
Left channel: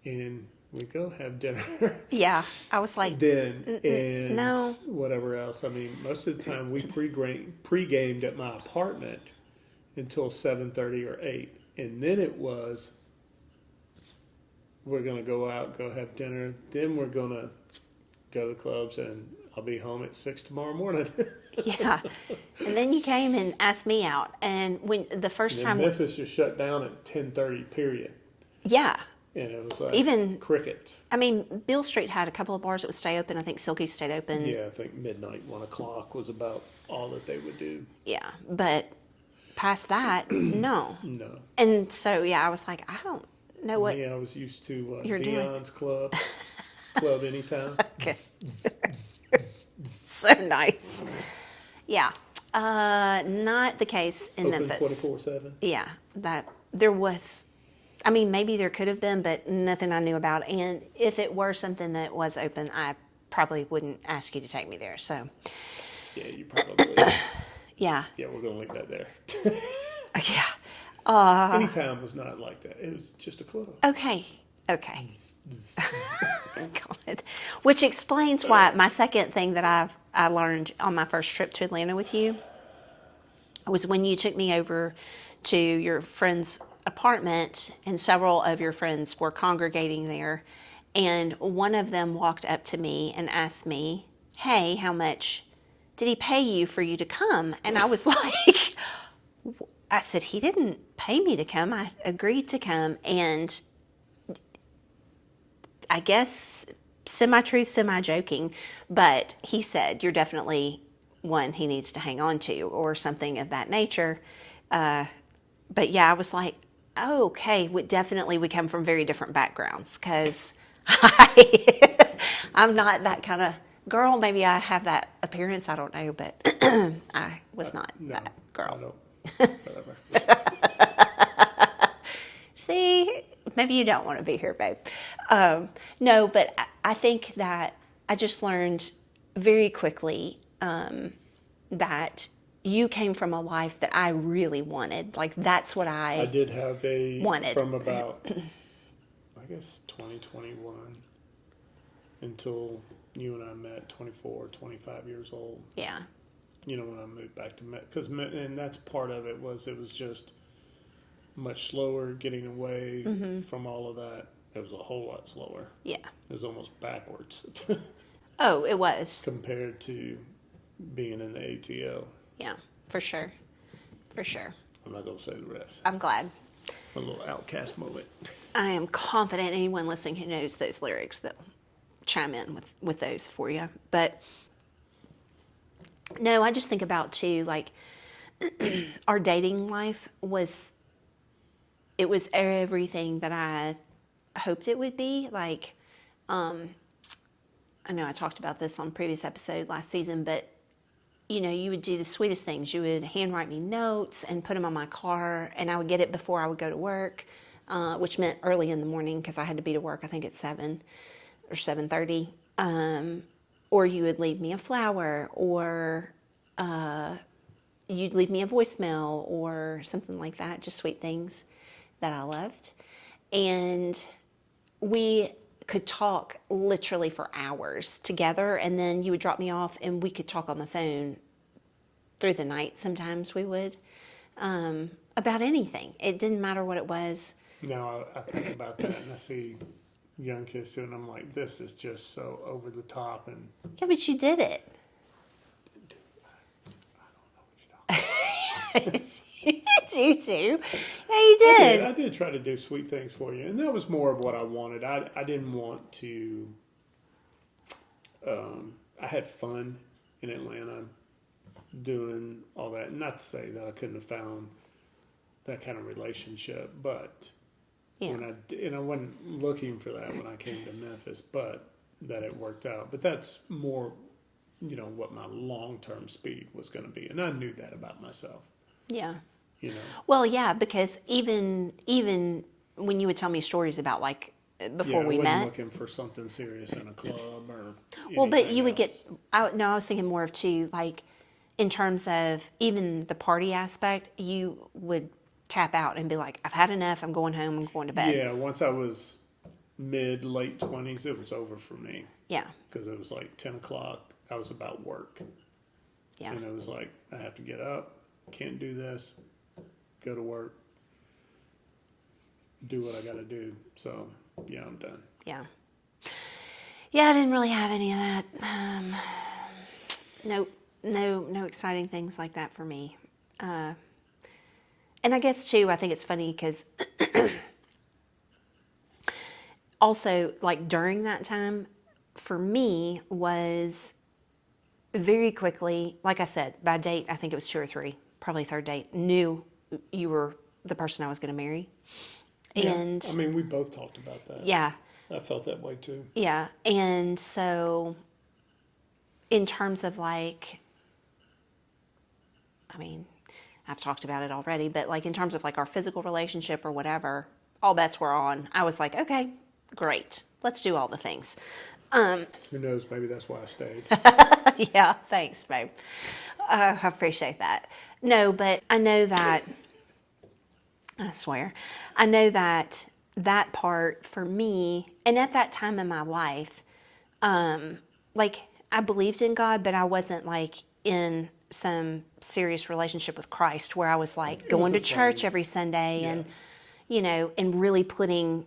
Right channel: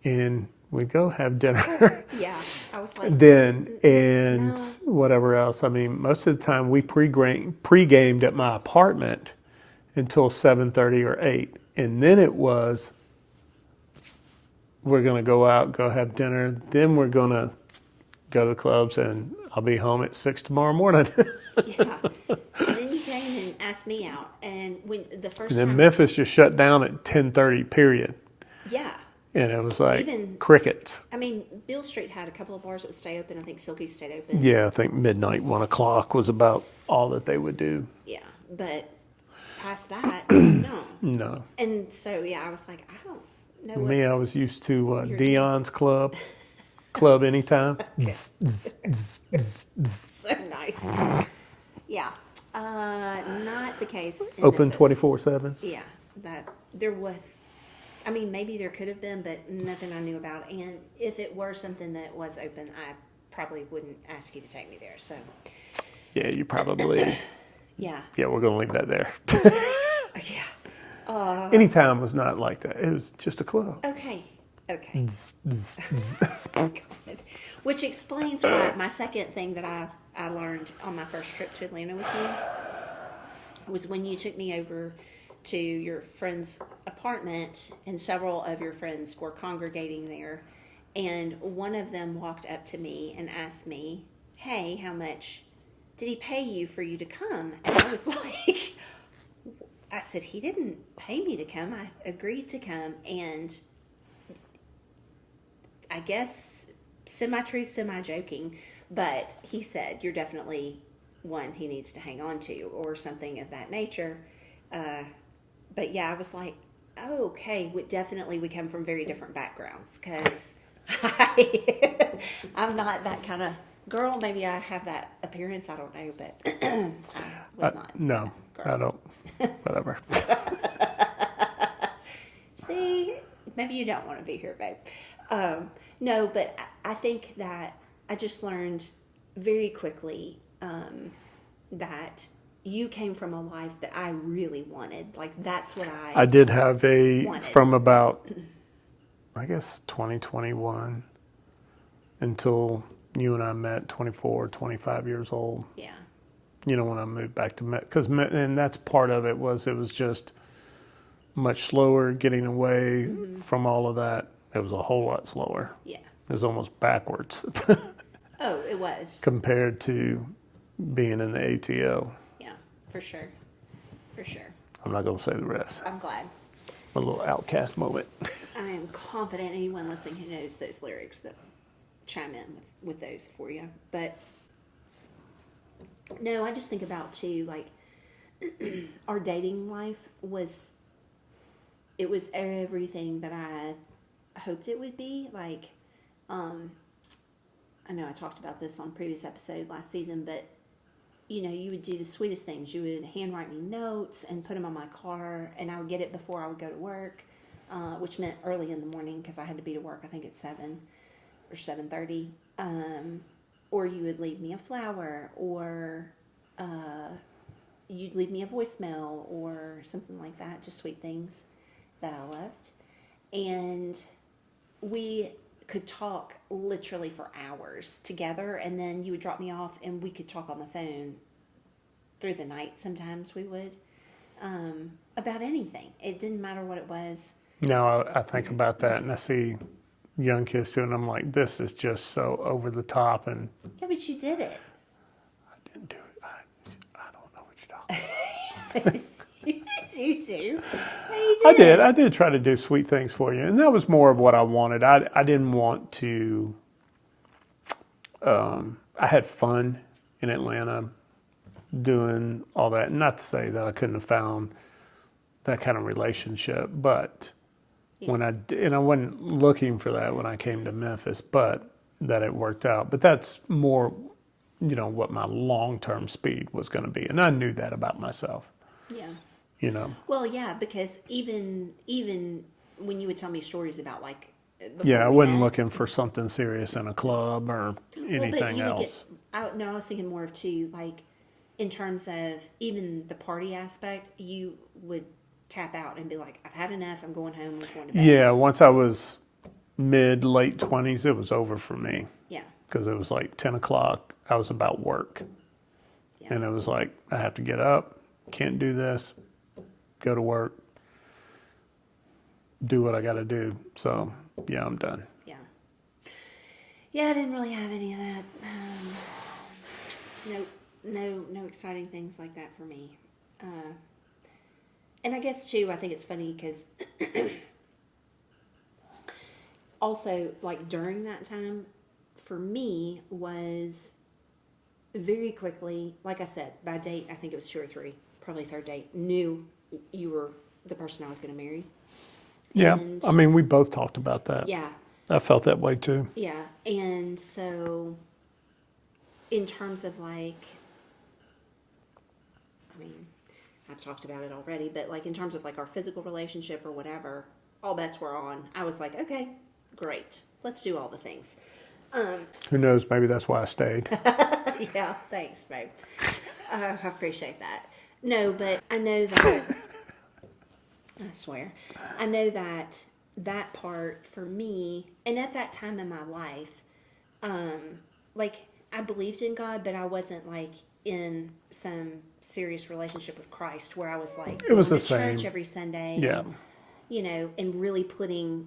And we'd go have dinner. Yeah. I was like, Then and no. whatever else. I mean, most of the time we pre-gamed at my apartment until 7:30 or 8, and then it was we're gonna go out, go have dinner. Then we're gonna go to the clubs, and I'll be home at 6 tomorrow morning. yeah. And then you came and asked me out. And when the first Then time, Memphis just shut down at 10:30. Period. yeah. And it was like Even- crickets. I mean, Beale Street had a couple of bars that would stay open. I think Silky stayed open. Yeah, I think midnight, 1 o'clock was about all that they would do. Yeah. But past that, no. No. And so, yeah, I was like, I don't know what. Me, I was used to You're doing. Dion's Club, Club Anytime. So nice. Yeah. Not the case in Open Memphis. 24/7. Yeah, that there was. I mean, maybe there could have been, but nothing I knew about. And if it were something that was open, I probably wouldn't ask you to take me there. So, Yeah, you probably. yeah, Yeah, we're gonna leave that there. yeah. Anytime was not like that. It was just a club. Okay. Okay. God. Which explains why my second thing that I learned on my first trip to Atlanta with you was when you took me over to your friend's apartment, and several of your friends were congregating there, and one of them walked up to me and asked me, hey, how much did he pay you for you to come? And I was like, I said, he didn't pay me to come. I agreed to come. And I guess semi-truth, semi-joking, but he said, you're definitely one he needs to hang on to, or something of that nature. But yeah, I was like, oh, okay, definitely we come from very different backgrounds, because I'm not that kind of girl, maybe I have that appearance. I don't know, but I was not No, that girl. I don't. Whatever. See, maybe you don't want to be here, babe. No, but I think that I just learned very quickly that you came from a life that I really wanted. Like, that's what I did have wanted. from about, I guess, 2021 until you and I met, 24, 25 years old. Yeah. When I moved back to because and that's part of it was just much slower getting away from all of that. It was a whole lot slower. Yeah. It was almost backwards Oh, it was. compared to being in the ATO. Yeah, for sure. For sure. I'm not going to say the rest. I'm glad. A little outcast moment. I am confident anyone listening who knows those lyrics that chime in with those for you. But no, I just think about too, like our dating life was everything that I hoped it would be. Like, I know I talked about this on a previous episode last season, but you would do the sweetest things. You would handwrite me notes and put them on my car, and I would get it before I would go to work, which meant early in the morning because I had to be to work, I think at 7 or 7:30. Or you would leave me a flower, or you'd leave me a voicemail or something like that, just sweet things that I loved. And we could talk literally for hours together, and then you would drop me off and we could talk on the phone through the night. Sometimes we would, about anything. It didn't matter what it was. Now I think about that and I see young kids doing, I'm like, this is just so over the top, and Yeah, but you did it. I didn't do it. I don't know what you're talking about. You too. Yeah, you did. I did try to do sweet things for you, and that was more of what I wanted. I didn't want to. I had fun in Atlanta doing all that. Not to say that I couldn't have found that kind of relationship, but Yeah. when I wasn't looking for that when I came to Memphis, but that it worked out. But that's more, what my long-term speed was going to be, and I knew that about myself. Yeah. Well, yeah, because even when you would tell me stories about like before yeah, I we wasn't met, looking for something serious in a club or anything well, but you would else. I was thinking more of too, like in terms of even the party aspect, you would tap out and be like, I've had enough. I'm going home. I'm going to bed. Yeah, once I was late 20s, it was over for me Yeah. because it was like 10 o'clock. I was about work. Yeah. And it was like, I have to get up, can't do this, go to work, do what I got to do. So, yeah, I'm done. Yeah. Yeah, I didn't really have any of that. No exciting things like that for me. And I guess too, I think it's funny because also like during that time for me was very quickly, like I said, by date, I think it was 2 or 3, probably third date, knew you were the person I was going to marry. Yeah, And I mean, we both talked about that. yeah. I felt that way too. Yeah, and so in terms of like, I mean, I've talked about it already, but like in terms of like our physical relationship or whatever, all bets were on. I was like, okay, great, let's do all the things. Who knows? Maybe that's why I stayed. Yeah, thanks, babe. I appreciate that. No, but I know that, I swear, I know that that part for me, and at that time in my life, like I believed in God, but I wasn't like in some serious relationship with Christ where I was like It was going the to church same. every Sunday Yeah. and, and really putting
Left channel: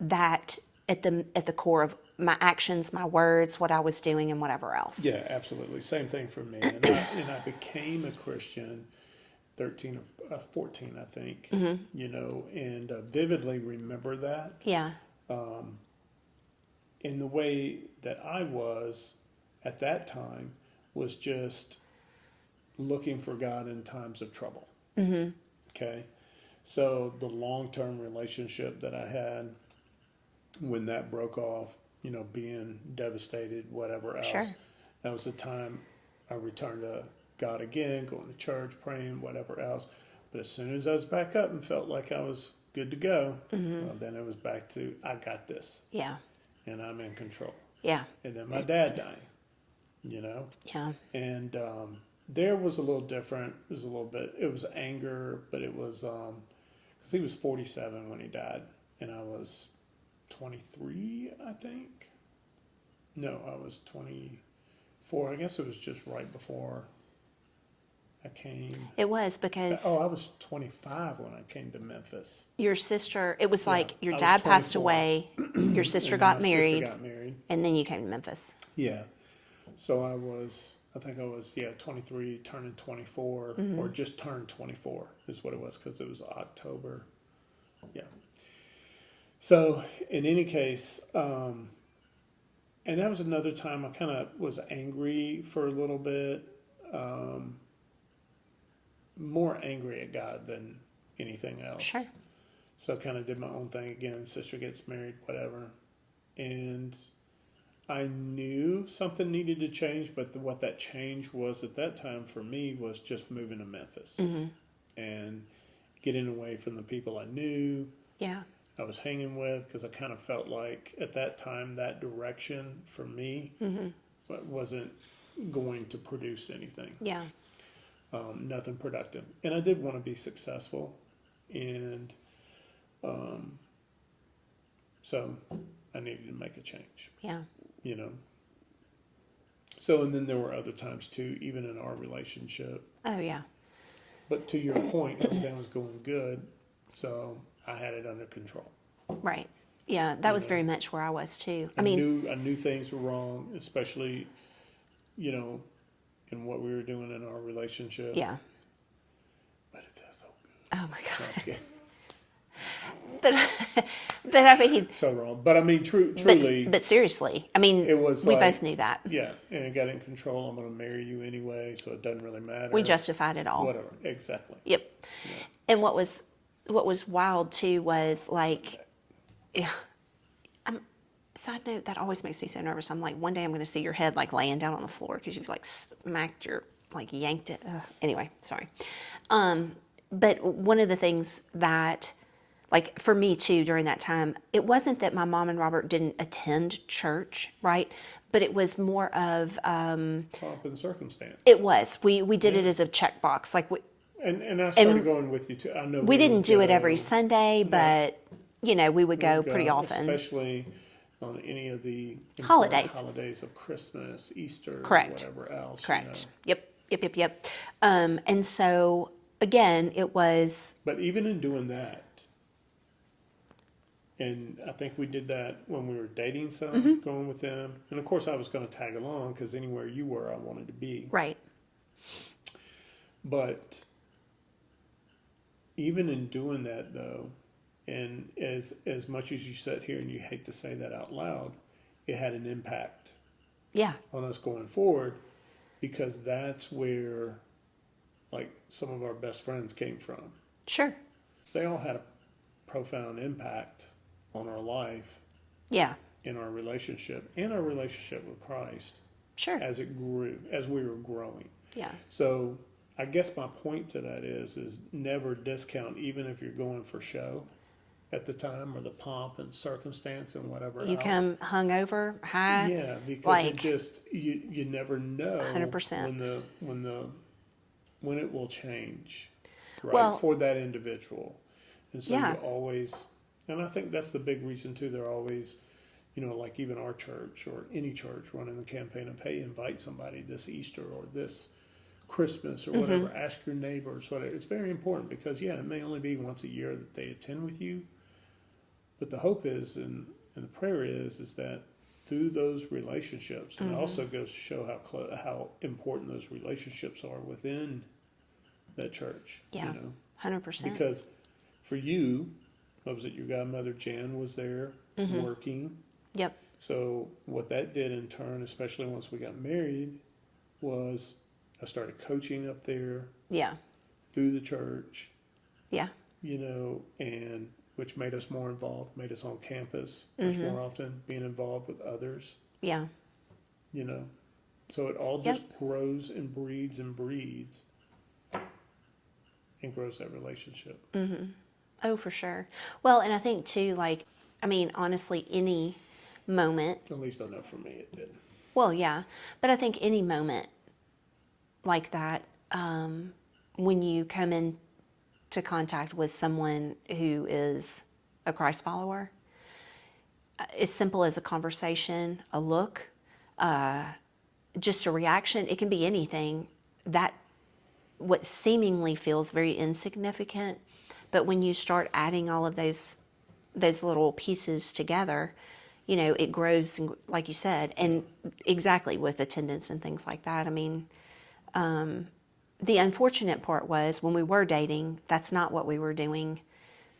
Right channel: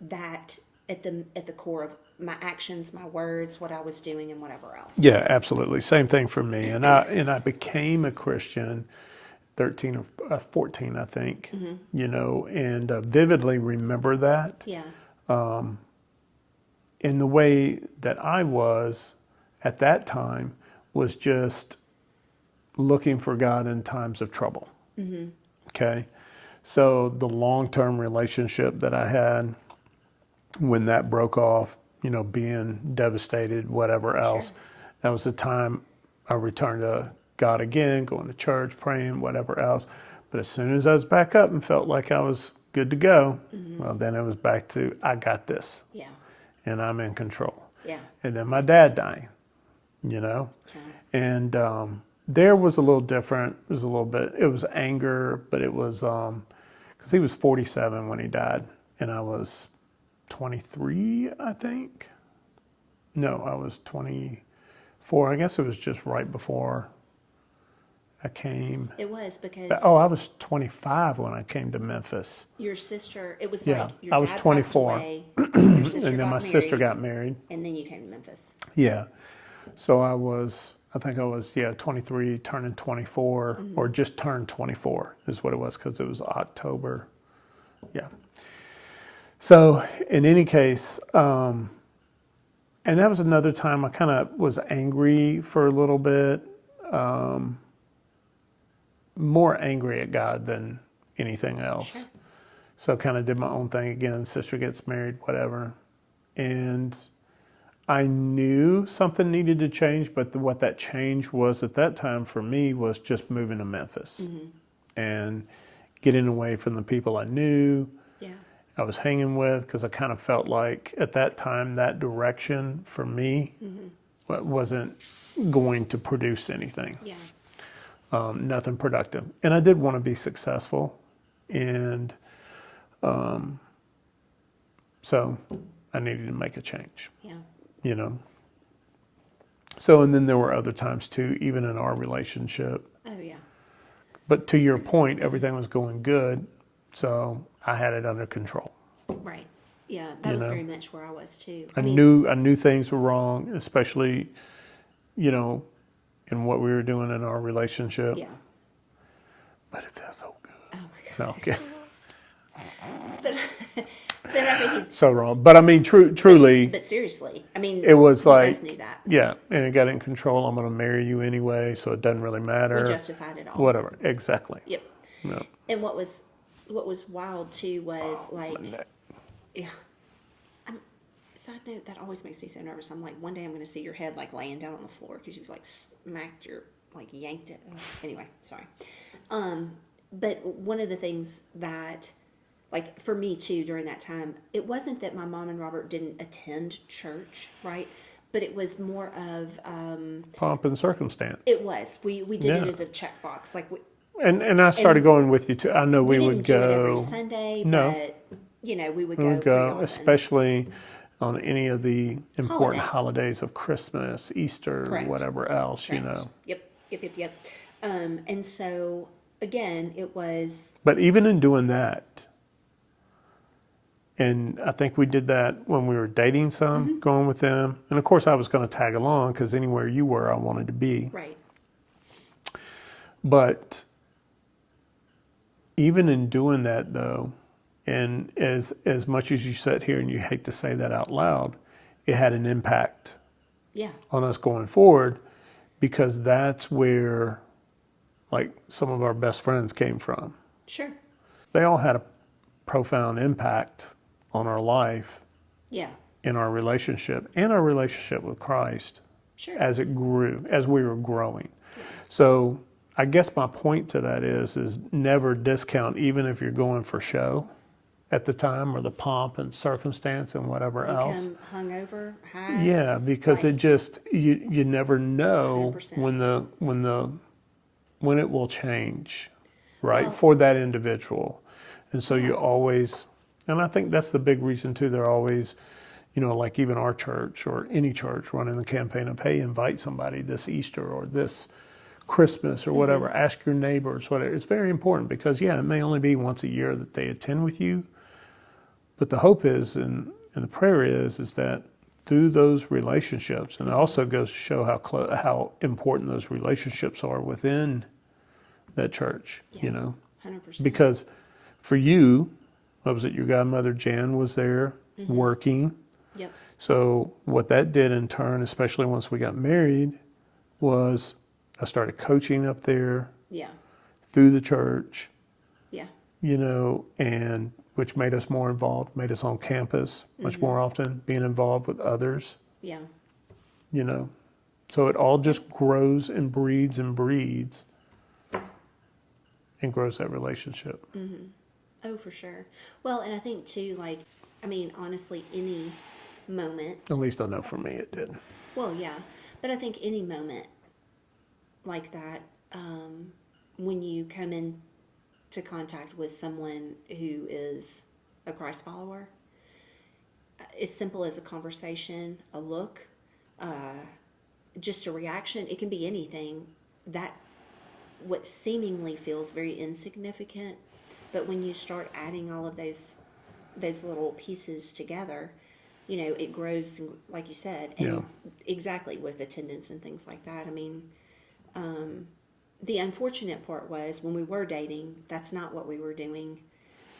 that at the core of my actions, my words, what I was doing and whatever else. Yeah, absolutely. Same thing for me. And I became a Christian 13 or 14, I think, and vividly remember that. Yeah. In the way that I was at that time was just looking for God in times of trouble. Mm-hmm. Okay. So the long-term relationship that I had, when that broke off, being devastated, whatever else, That was the time I returned to God again, going to church, praying, whatever else. But as soon as I was back up and felt like I was good to go, well, then it was back to, I got this Yeah. and I'm in control. Yeah. And then my dad dying, you know? Yeah. And there was a little different. It was a little bit, it was anger, but it was, because he was 47 when he died and I was 23, I think. No, I was 24. I guess it was just right before I came. It was because Oh, I was 25 when I came to Memphis. your sister, it was Yeah, like your I was dad passed 24. away, your sister And then got my married, sister got married. and then you came to Memphis. Yeah. So I think I was, 23, turning 24, or just turned 24 is what it was, because it was October. Yeah. So in any case, and that was another time I kind of was angry for a little bit, more angry at God than anything else. Sure. So kind of did my own thing again. Sister gets married, whatever. And I knew something needed to change, but what that change was at that time for me was just moving to Memphis and getting away from the people I knew, Yeah. I was hanging with, because I kind of felt like at that time that direction for me wasn't going to produce anything, Yeah. nothing productive. And I did want to be successful. And so I needed to make a change, Yeah. you know. So, and then there were other times too, even in our relationship. Oh, yeah. But to your point, everything was going good. So I had it under control. Right. Yeah. That You was know. very much where I was too. I knew things were wrong, especially, you know, in what we were doing in our relationship. Yeah. But it felt so good. Oh my No, God. okay. But I mean, So wrong. But I mean, truly, but seriously, I mean, it was we like, both knew that. yeah, and it got in control. I'm going to marry you anyway, so it doesn't really matter. We justified it all. Whatever. Exactly. Yep. No. And what was wild too was like, yeah. Side note, that always makes me so nervous. I'm like, one day I'm going to see your head like laying down on the floor because you've like smacked your, like yanked it. Anyway, sorry. But one of the things that, like for me too, during that time, it wasn't that my mom and Robert didn't attend church, right? But it was more of, Pomp and circumstance. it was. We did it Yeah. as a checkbox. Like And I started going with you too. I know we we didn't would do go. it every Sunday, No. but you know, we would go pretty often. Especially on any of the important Holidays. holidays of Christmas, Easter, Correct. whatever else, Correct. you know. Yep. And so again, it was But even in doing that, and I think we did that when we were dating some, going with them. And of course, I was going to tag along because anywhere you were, I wanted to be. right. But even in doing that, though, and as much as you sit here and you hate to say that out loud, it had an impact Yeah. on us going forward, because that's where, like, some of our best friends came from. Sure. They all had a profound impact on our life, Yeah. in our relationship, and our relationship with Christ Sure. as it grew, as we were growing. Yeah. So I guess my point to that is never discount, even if you're going for show at the time, or the pomp and circumstance and whatever You else. come hungover, high. Yeah, because it like- just, you never know 100%. when it will change, right, Well- for that individual. And so Yeah. you always, and I think that's the big reason too, they're always, you know, like even our church or any church running the campaign of, hey, invite somebody this Easter or this Christmas or whatever, ask your neighbors, whatever. It's very important because, yeah, it may only be once a year that they attend with you, but the hope is, and the prayer is that through those relationships, and it also goes to show how important those relationships are within that church, Yeah. you know, 100%. because for you, what was it, your godmother Jan was there working. Yep. So what that did in turn, especially once we got married, was I started coaching up there Yeah. through the church, Yeah. you know, and which made us more involved, made us on campus much more often, being involved with others, Yeah. you know. So it all just grows and breeds and breeds and grows that relationship. Oh, for sure. Well, and I think too, like, I mean, honestly, any moment, At least I know for me it did. well, yeah, but I think any moment like that, when you come into contact with someone who is a Christ follower, as simple as a conversation, a look, just a reaction, it can be anything that what seemingly feels very insignificant, but when you start adding all of those little pieces together, you know, it grows, like you said, and exactly with attendance and things like that. I mean, the unfortunate part was when we were dating, that's not what we were doing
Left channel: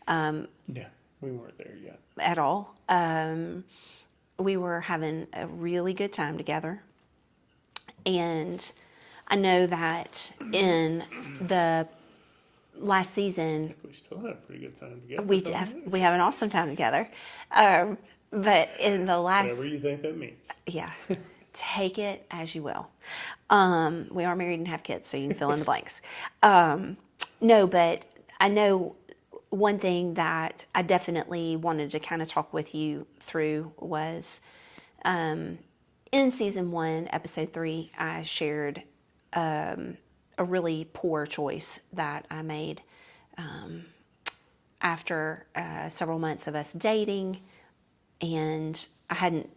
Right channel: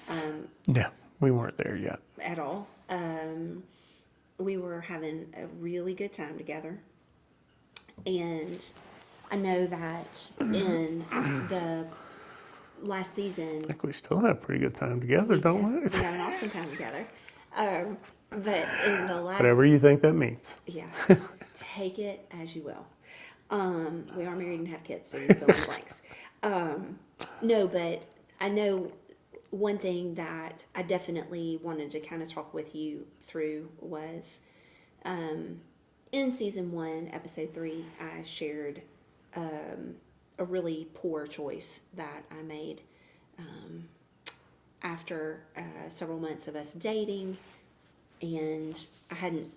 Yeah, we weren't there yet. at all. We were having a really good time together. And I know that in the last I season, think we still have a pretty good time together, we don't we? we have an awesome time together. But in the last, Whatever you think that means. yeah, take it as you will. We are married and have kids, so you can fill in the blanks. No, but I know one thing that I definitely wanted to kind of talk with you through was in season 1, episode 3, I shared a really poor choice that I made after several months of us dating, and I hadn't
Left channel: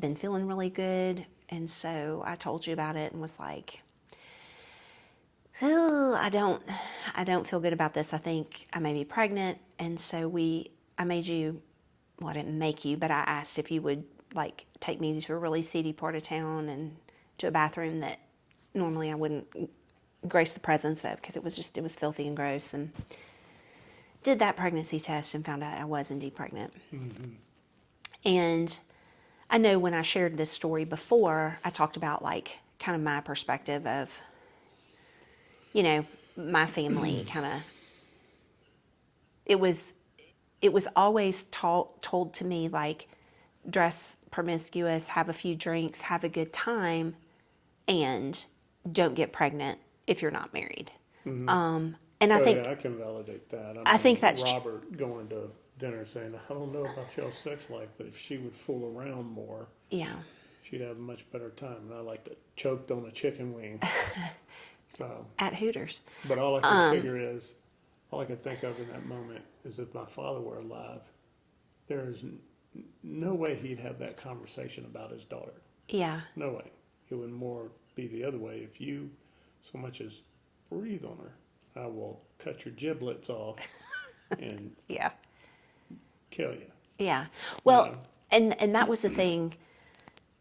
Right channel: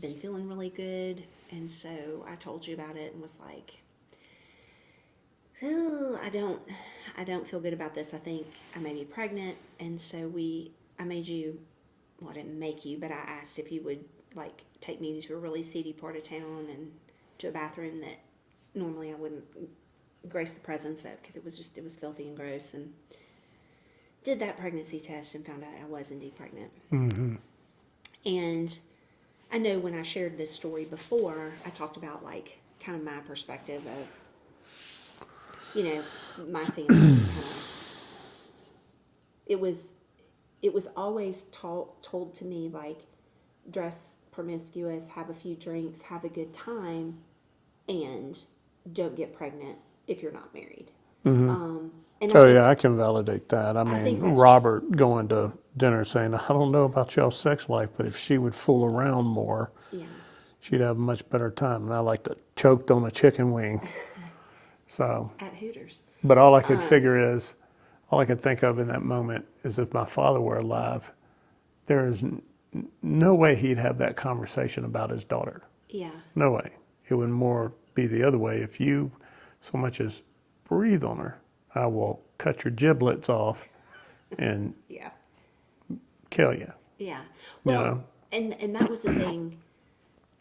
been feeling really good, and so I told you about it and was like, oh, I don't feel good about this. I think I may be pregnant, and so I made you, well, I didn't make you, but I asked if you would like take me to a really seedy part of town and to a bathroom that normally I wouldn't grace the presence of because it was filthy and gross, and did that pregnancy test and found out I was indeed pregnant. Mm-hmm. And I know when I shared this story before, I talked about like kind of my perspective of, you know, my family kind of, it was always told to me like, dress promiscuous, have a few drinks, have a good time, and don't get pregnant if you're not married. And I Oh think, yeah, I can validate that. I mean, think that's Robert going to dinner saying, "I don't know about y'all's sex life, but if she would fool around more, yeah, she'd have a much better time." And I like to choked on a chicken wing. So, at Hooters. but all I could figure is, all I could think of in that moment is if my father were alive, there is no way he'd have that conversation about his daughter. Yeah, No way. It would more be the other way. If you so much as breathe on her, I will cut your giblets off and yeah, kill you. yeah. Well, know? and that was the thing.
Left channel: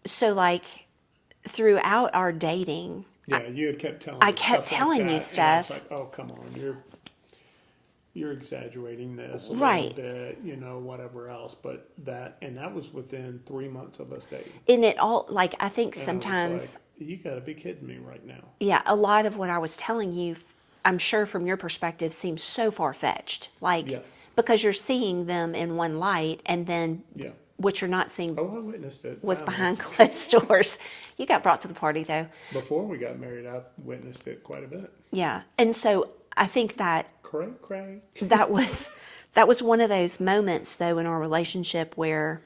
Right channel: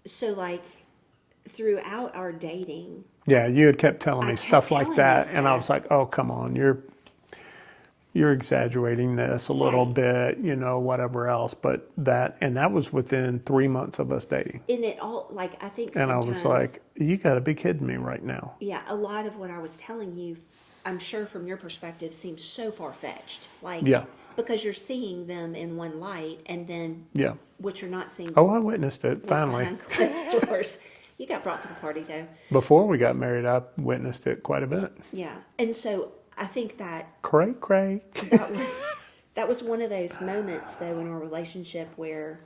So like throughout our dating, Yeah, you had kept telling I me kept stuff like telling you that, and I was stuff. like, "Oh, come on, you're exaggerating this a little Right. bit, you know, whatever else." But that was within 3 months of us dating, And it all, like, I think and sometimes, I was like, "You got to be kidding me right now." yeah, a lot of what I was telling you, I'm sure from your perspective, seems so far-fetched. Like, Yeah. because you're seeing them in one light, and then Yeah. what you're not seeing Oh, I witnessed it was finally. behind closed doors. You got brought to the party, though. Before we got married, I witnessed it quite a bit. Yeah. And so I think that Cray, cray. that was one of those moments, though, in our relationship where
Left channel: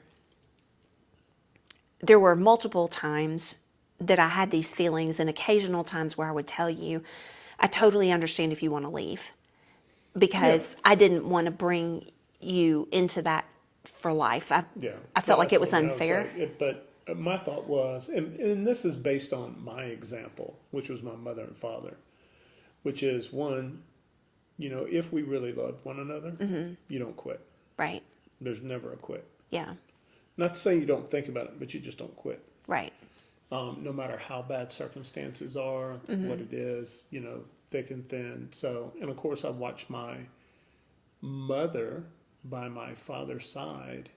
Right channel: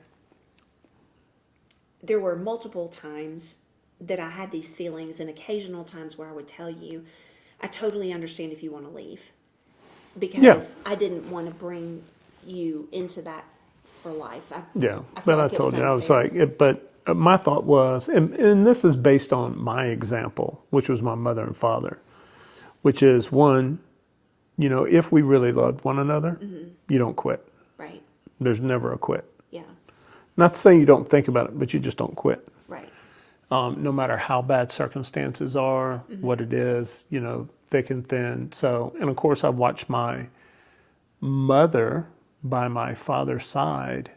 there were multiple times that I had these feelings, and occasional times where I would tell you, I totally understand if you want to leave, because I didn't want to bring you into that for life. Yeah. I felt like it was told you, unfair. I was like, but my thought was, and this is based on my example, which was my mother and father, which is one, you know, if we really loved one another, you don't quit. Right. There's never a quit. Yeah. Not to say you don't think about it, but you just don't quit. Right. No matter how bad circumstances are, what it is, you know, thick and thin. So, and of course, I've watched my mother by my father's side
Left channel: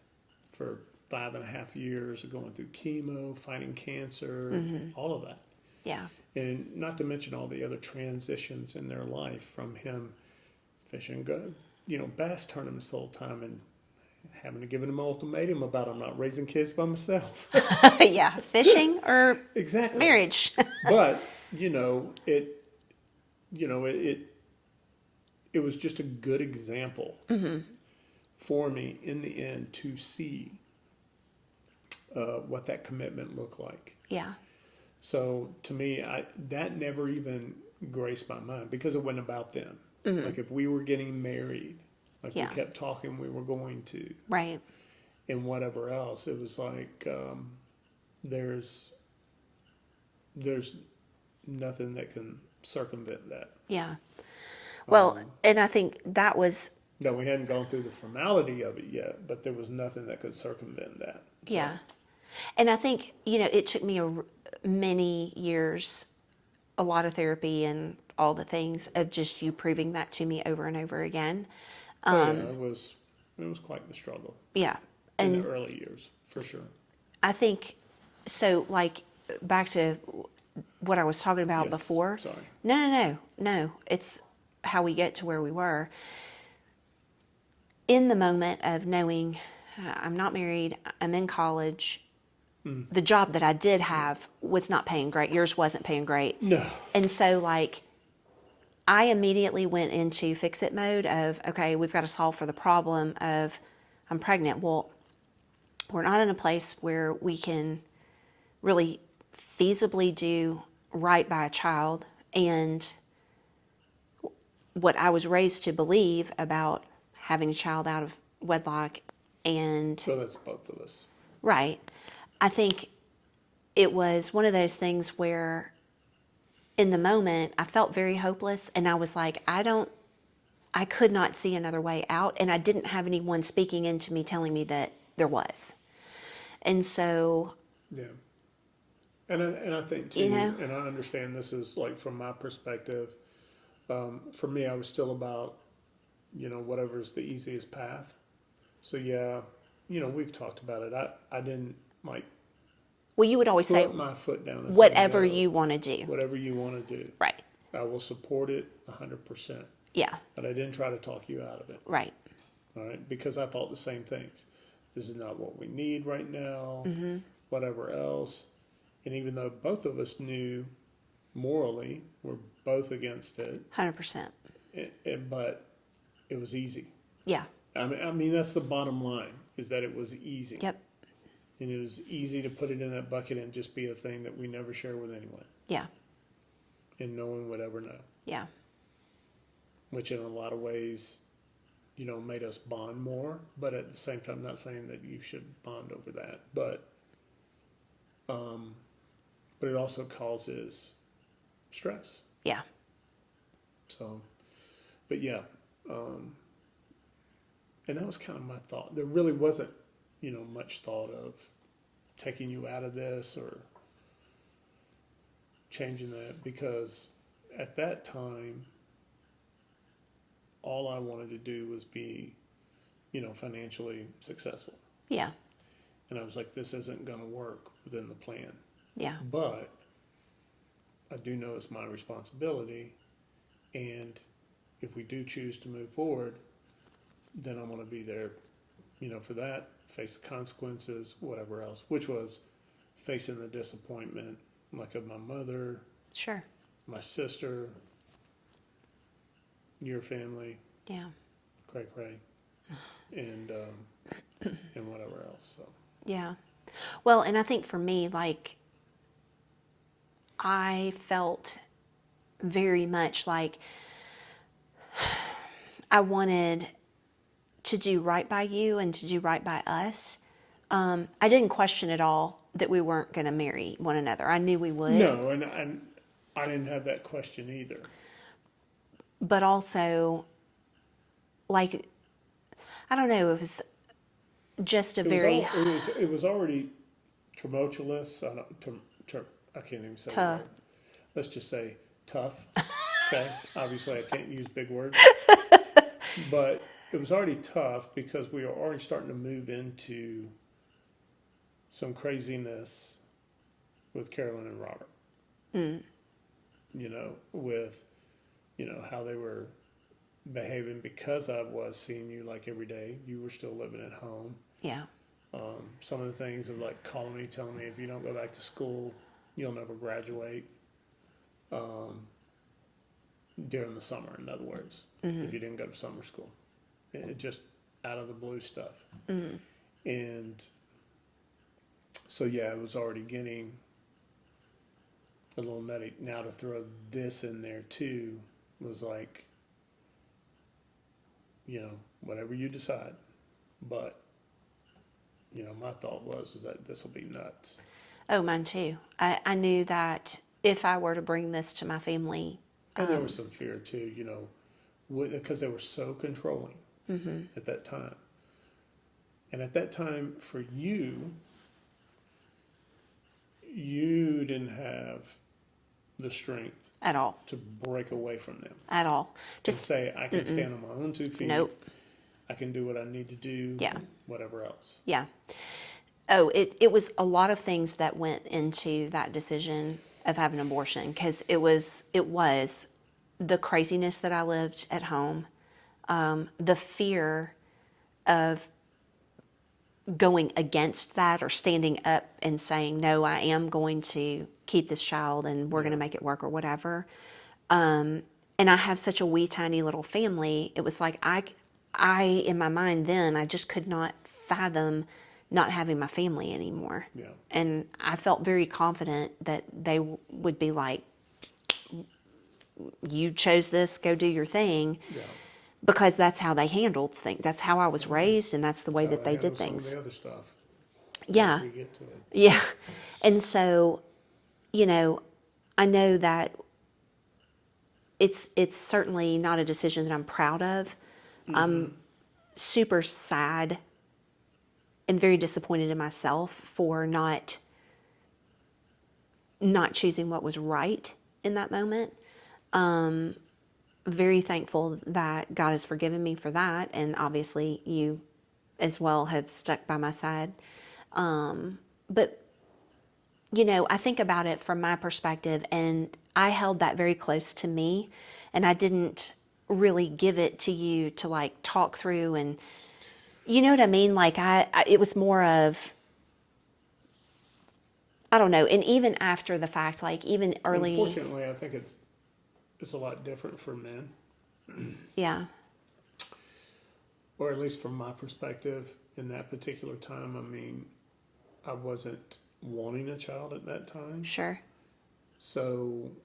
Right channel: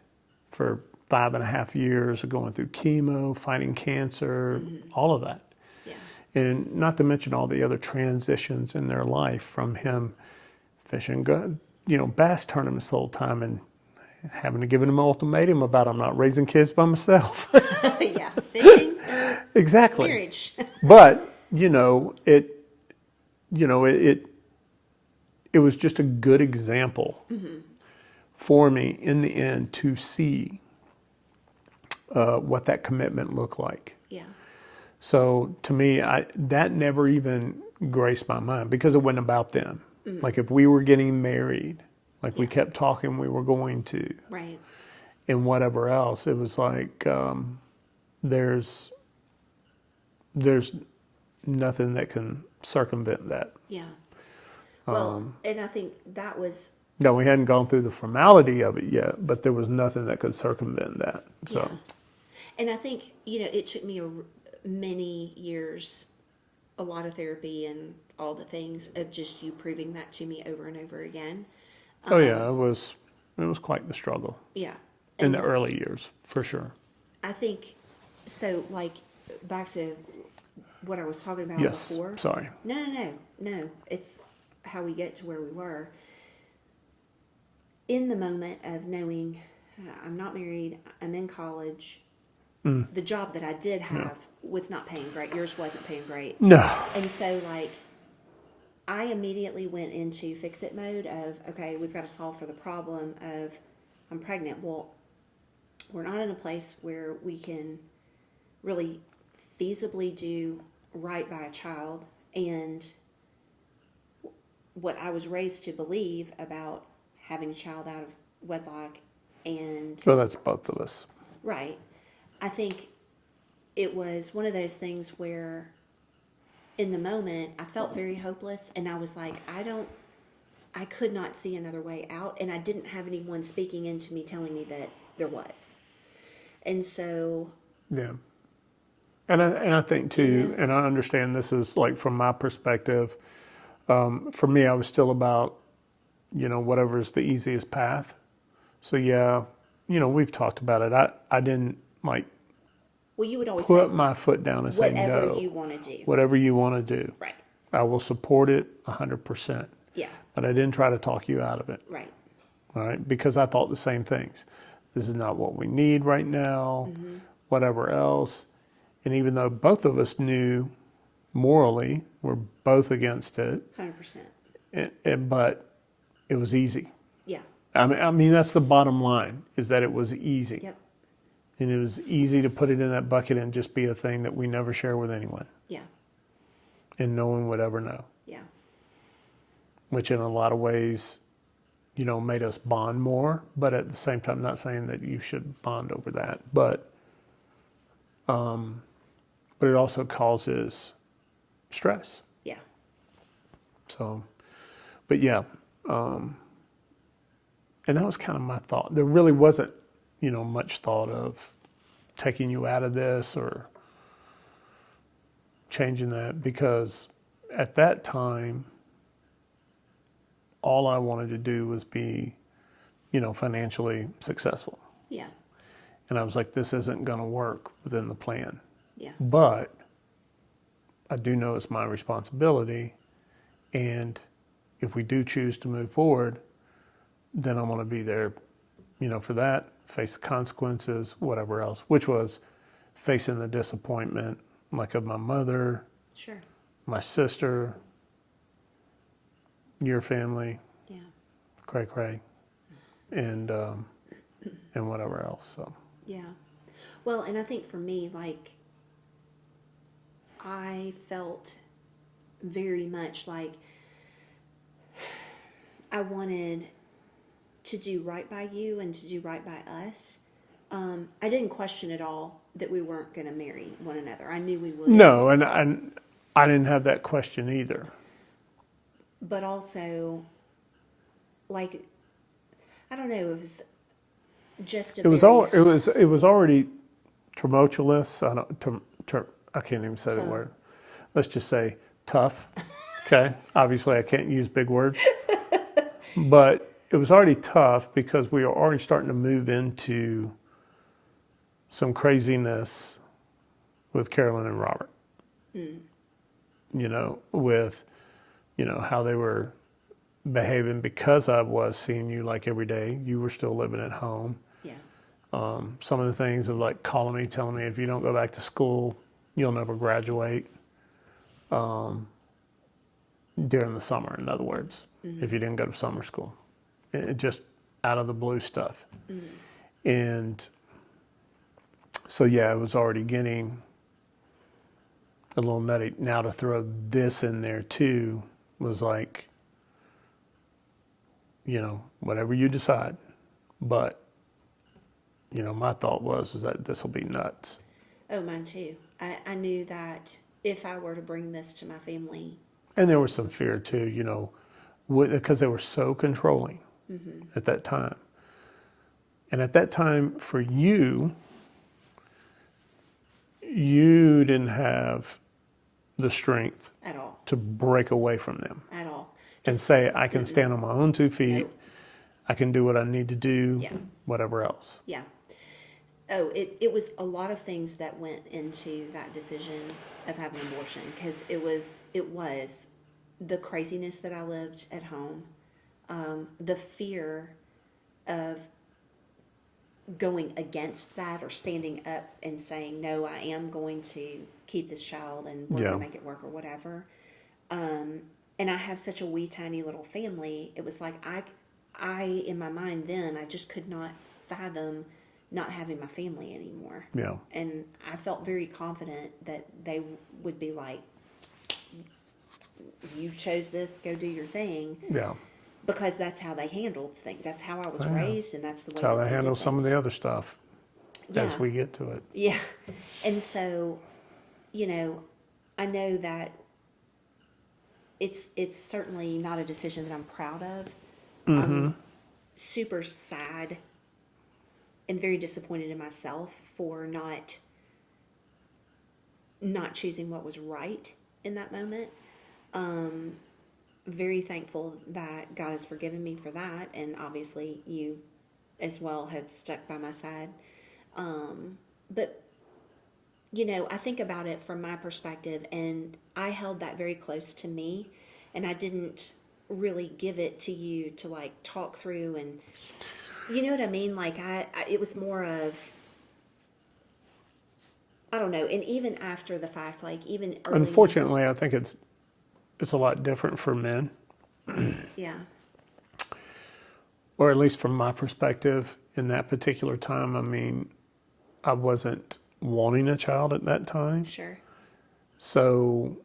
for 5.5 years of going through chemo, fighting cancer, all of that. Yeah. And not to mention all the other transitions in their life, from him fishing, you know, bass tournaments the whole time, and having to give him an ultimatum about I'm not raising kids by myself. Yeah, fishing or Exactly. marriage. But, it was just a good example for me in the end to see what that commitment looked like. Yeah, So to me, that never even graced my mind because it wasn't about them. Like if we were getting married, like we Yeah. kept talking we were going to, right. and whatever else, it was like there's nothing that can circumvent that. Yeah. Well, and I think that was, No, we hadn't gone through the formality of it yet, but there was nothing that could circumvent that. So, yeah. And I think, it took me many years, a lot of therapy and all the things of just you proving that to me over and over again. oh yeah, it was quite the struggle Yeah. in And the early years, for sure. I think, so like back to what I was talking about Yes, before. sorry. No. It's how we get to where we were. In the moment of knowing I'm not married, I'm in college, the job that I did have was not paying great. Yours wasn't paying great. No. And so, like, I immediately went into fix it mode of, okay, we've got to solve for the problem of I'm pregnant. Well, we're not in a place where we can really feasibly do right by a child. And what I was raised to believe about having a child out of wedlock and So that's both of us. right. I think it was one of those things where in the moment I felt very hopeless and I was like, I could not see another way out and I didn't have anyone speaking into me telling me that there was. And so Yeah. And I think too, You know? and I understand this is like from my perspective, for me, I was still about, whatever's the easiest path. So yeah, we've talked about it. I didn't like well, you would always say put my foot down and say, whatever no, you want to do. whatever you want to do. Right. I will support it 100%. Yeah. But I didn't try to talk you out of it. Right. All right. Because I thought the same things. This is not what we need right now, whatever else. And even though both of us knew morally we're both against it, 100%. but it was easy. Yeah. I mean, that's the bottom line, is that it was easy. Yep. And it was easy to put it in that bucket and just be a thing that we never share with anyone. Yeah. And no one would ever know. Yeah. Which in a lot of ways, made us bond more. But at the same time, not saying that you should bond over that. But it also causes stress. Yeah. So, but yeah. And that was kind of my thought. There really wasn't, much thought of taking you out of this or changing that, because at that time, all I wanted to do was be, financially successful. Yeah. And I was like, this isn't going to work within the plan. Yeah. But I do know it's my responsibility. And if we do choose to move forward, then I want to be there, for that, face the consequences, whatever else, which was facing the disappointment, like of my mother, Sure. my sister, your family, Yeah. cray, and whatever else. So Yeah. Well, and I think for me, like, I felt very much like I wanted to do right by you and to do right by us. I didn't question at all that we weren't going to marry one another. I knew we would. no, and I didn't have that question either. But also, like, I don't know, it was just a It was very it was already tumultuous. I can't even say the Tough. word. Let's just say tough. Okay. Obviously, I can't use big words, but it was already tough because we were already starting to move into some craziness with Carolyn and Robert. With how they were behaving because I was seeing you like every day. You were still living at home. Yeah. Some of the things of like calling me, telling me if you don't go back to school, you'll never graduate. During the summer, in other words, if you didn't go to summer school, it just out of the blue stuff. And so, yeah, it was already getting a little nutty. Now to throw this in there too was like, whatever you decide. But, my thought was that this will be nuts. Oh, mine too. I knew that if I were to bring this to my family. And there was some fear too, because they were so controlling at that time. And at that time, for you, you didn't have the strength At all. to break away from them At all. and say, I can stand on my own 2 feet. Nope. I can do what I need to do. Yeah. Whatever else. Yeah. Oh, it was a lot of things that went into that decision of having an abortion, because it was the craziness that I lived at home, the fear of going against that or standing up and saying, no, I am going to keep this child and we're going to make it work or whatever. And I have such a wee tiny little family. It was like I in my mind then, I just could not fathom not having my family anymore. Yeah. And I felt very confident that they would be like, you chose this, go do your thing. Yeah. Because that's how they handled things. That's how I was raised, and that's the way How that they they did handle things. some of the other stuff Yeah. as we get to it. Yeah. And so, I know that it's certainly not a decision that I'm proud of. I'm super sad and very disappointed in myself for not choosing what was right in that moment. Very thankful that God has forgiven me for that, and obviously you as well have stuck by my side. But I think about it from my perspective, and I held that very close to me, and I didn't really give it to you to like talk through, and you know what I mean? Like it was more of, I don't know. And even after the fact, like even early. Unfortunately, I think it's a lot different for men, Yeah. or at least from my perspective in that particular time. I mean, I wasn't wanting a child at that time. Sure. So,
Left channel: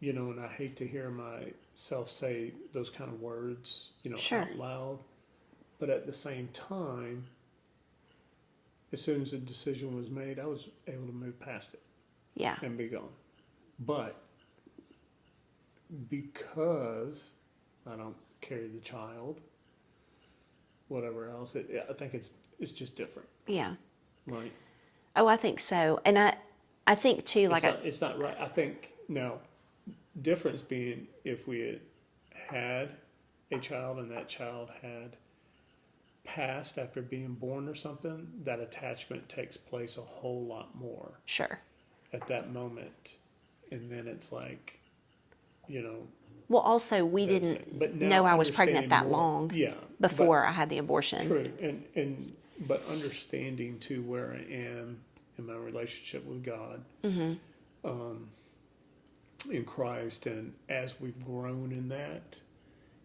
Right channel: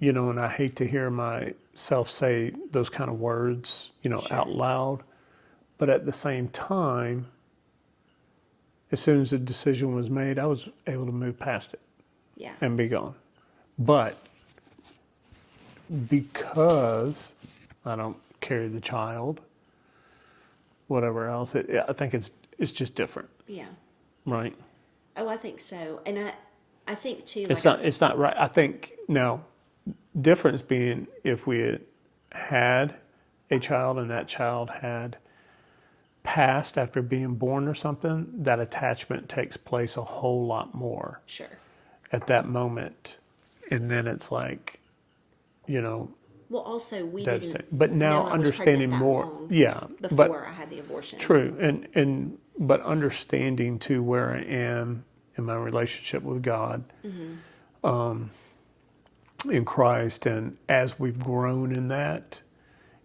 and I hate to hear myself say those kind of words, Sure. out loud. But at the same time, as soon as the decision was made, I was able to move past it Yeah. and be gone. But because I don't carry the child, whatever else, I think it's just different, Yeah. right? Oh, I think so. And I think too, like, It's not right. I think now, difference being if we had a child and that child had passed after being born or something, that attachment takes place a whole lot more sure. at that moment. And then it's like, Well, also, we didn't devastating. But now know I was pregnant understanding that more. long Yeah. before I had the abortion. True. But understanding to where I am in my relationship with God, in Christ, and as we've grown in that,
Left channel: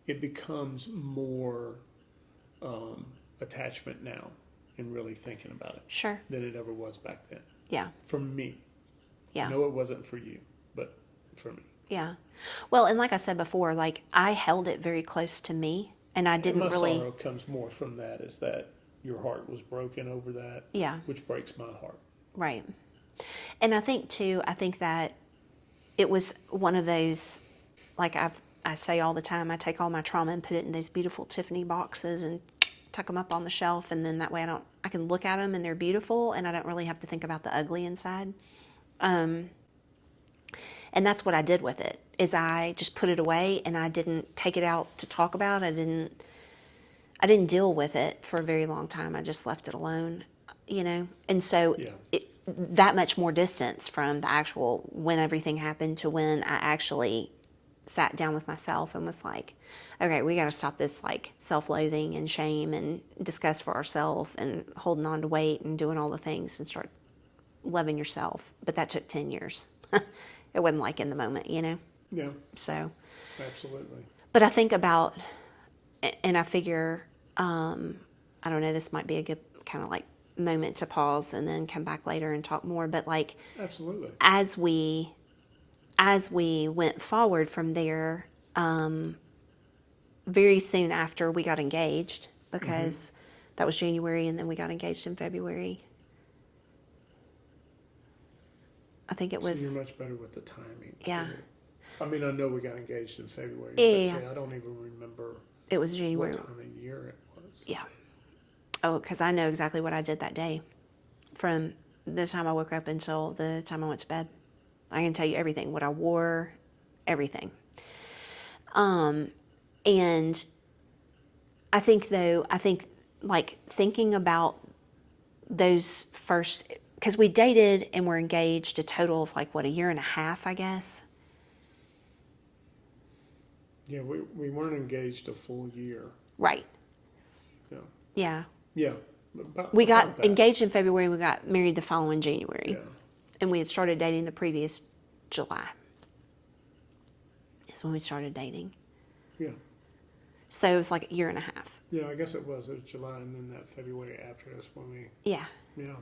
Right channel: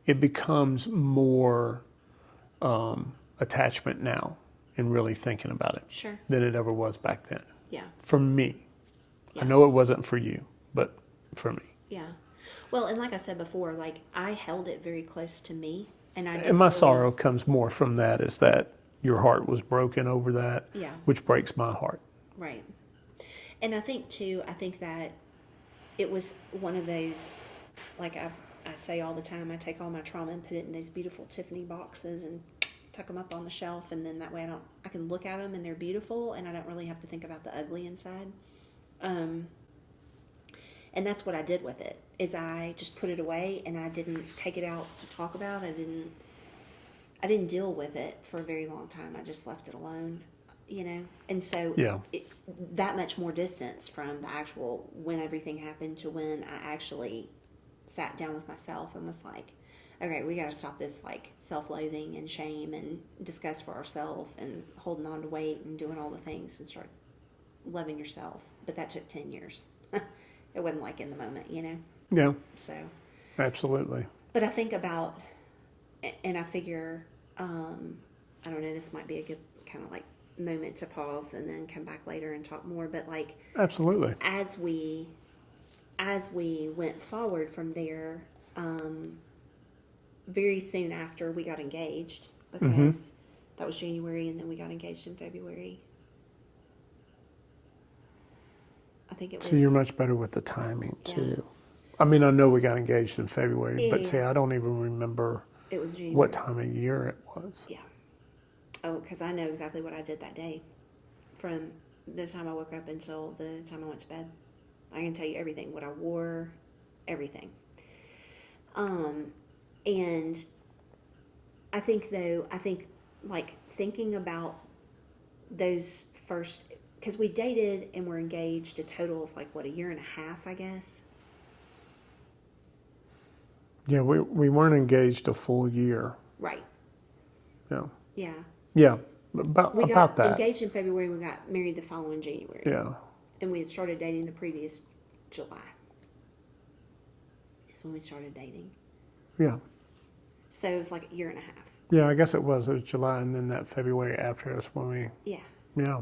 it becomes more attachment now and really thinking about it Sure. than it ever was back then. Yeah. For me. Yeah. I know it wasn't for you, but for me. Yeah. Well, and like I said before, like I held it very close to me, and I didn't And my really. sorrow comes more from that, is that your heart was broken over that, Yeah. which breaks my heart. Right. And I think that it was one of those, like I say all the time, I take all my trauma and put it in these beautiful Tiffany boxes and tuck them up on the shelf, and then that way I can look at them and they're beautiful, and I don't really have to think about the ugly inside. And that's what I did with it, is I just put it away and I didn't take it out to talk about. I didn't deal with it for a very long time. I just left it alone, And so Yeah. that much more distance from the actual when everything happened to when I actually sat down with myself and was like, okay, we got to stop this like self-loathing and shame and disgust for ourselves and holding on to weight and doing all the things and start loving yourself. But that took 10 years. It wasn't like in the moment, you know? Yeah, So, absolutely. but I think about, and I figure, I don't know, this might be a good kind of like moment to pause and then come back later and talk more. But like, Absolutely. as we went forward from there, very soon after we got engaged, because that was January, and then we got engaged in February. I think it was. So you're much better with the timing, Yeah. too. I mean, I know we got engaged in February, Yeah, but yeah, see, yeah. I don't even remember It was January. what time of year it was. Yeah. Oh, because I know exactly what I did that day, from the time I woke up until the time I went to bed. I can tell you everything, what I wore, everything. And I think like thinking about those first, because we dated and were engaged a total of like, what, a year and a half, I guess? Yeah, we weren't engaged a full year. Right. Yeah. Yeah. Yeah, about, We got about that. engaged in February, we got married the following January. Yeah. And we had started dating the previous July. Is when we started dating. Yeah. So it was like a year and a half. Yeah, I guess it was. It was July, and then that February after us when we, Yeah. yeah.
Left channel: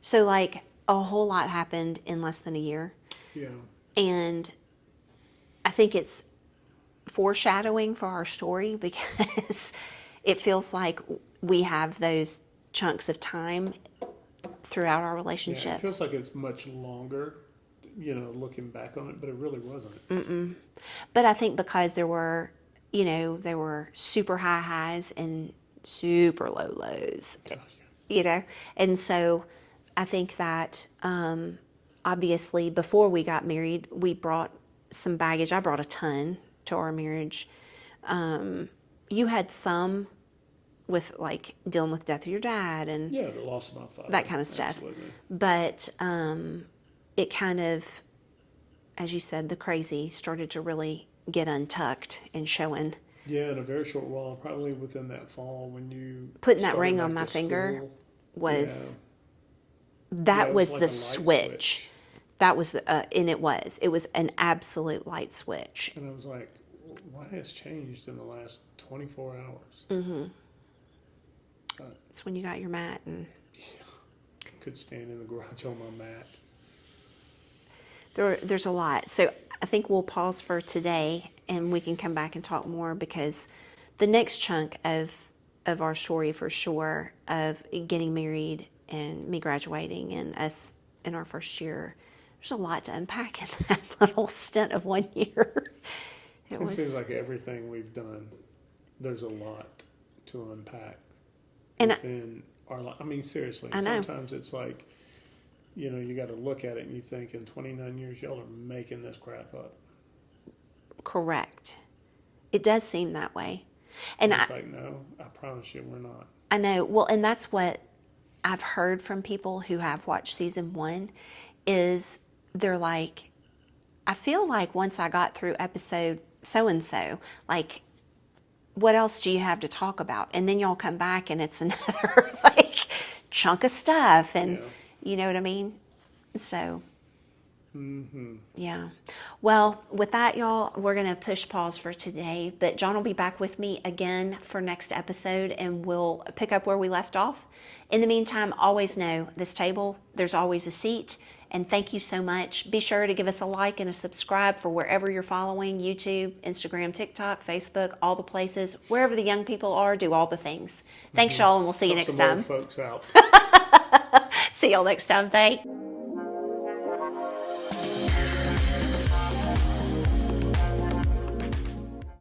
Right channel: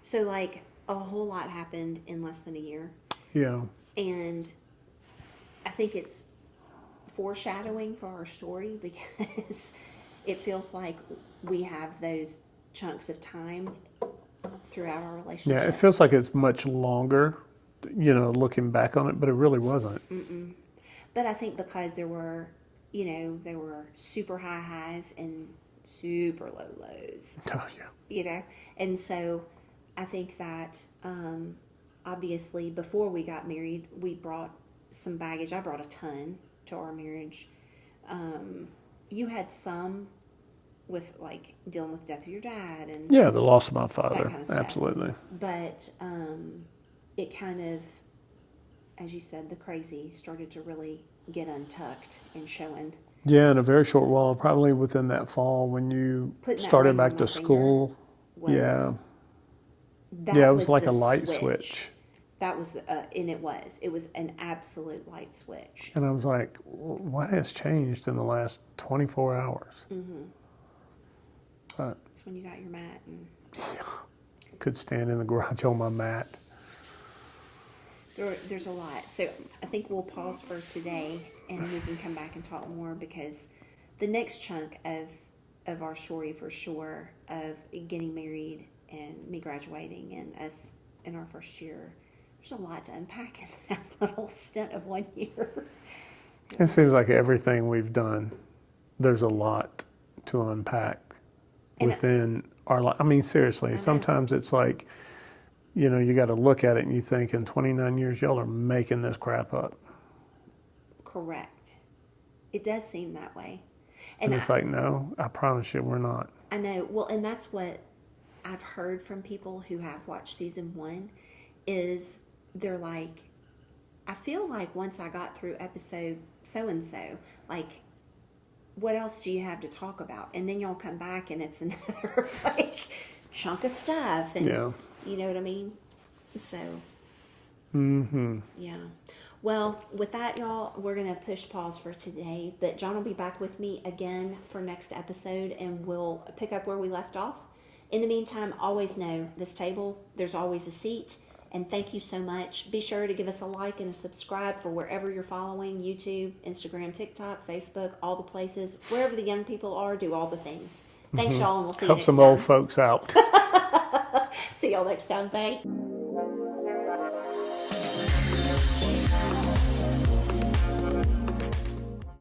So like a whole lot happened in less than a year. Yeah. And I think it's foreshadowing for our story, because it feels like we have those chunks of time throughout our Yeah, relationship. it feels like it's much longer, you know, looking back on it, but it really wasn't. But I think because there were super high highs and super low lows, Oh, yeah. And so I think that obviously before we got married, we brought some baggage. I brought a ton to our marriage. You had some with like dealing with death of your dad and Yeah, the loss of my father. that kind of stuff. Absolutely. But it kind of, as you said, the crazy started to really get untucked and showing. Yeah, in a very short while, probably within that fall when you Putting that started ring back on to my finger school. was yeah. that Yeah, it was was like the a light switch. That was, and it was an absolute light switch. And I was like, what has changed in the last 24 hours? It's when you got your mat and Could stand in the garage on my mat. there's a lot. So I think we'll pause for today and we can come back and talk more, because the next chunk of our story for sure, of getting married and me graduating and us in our first year, there's a lot to unpack in that little stint of 1 year. It seems like everything we've done, there's a lot to unpack And within our life. I mean, seriously, I know. sometimes it's like, you know, you got to look at it and you think, in 29 years, y'all are making this crap up. Correct. It does seem that way. And And it's like, no, I promise you, we're not. I know. Well, and that's what I've heard from people who have watched season 1, is they're like, I feel like once I got through episode so-and-so, like, what else do you have to talk about? And then y'all come back and it's another like chunk of stuff. And Yeah. you know what I mean? So, yeah. Well, with that, y'all, we're going to push pause for today. But John will be back with me again for next episode, and we'll pick up where we left off. In the meantime, always know this table, there's always a seat. And thank you so much. Be sure to give us a like and a subscribe for wherever you're following: YouTube, Instagram, TikTok, Facebook, all the places. Wherever the young people are, do all the things. Thanks, y'all, and we'll see you Help next some old time. folks out. See y'all next time. Thanks.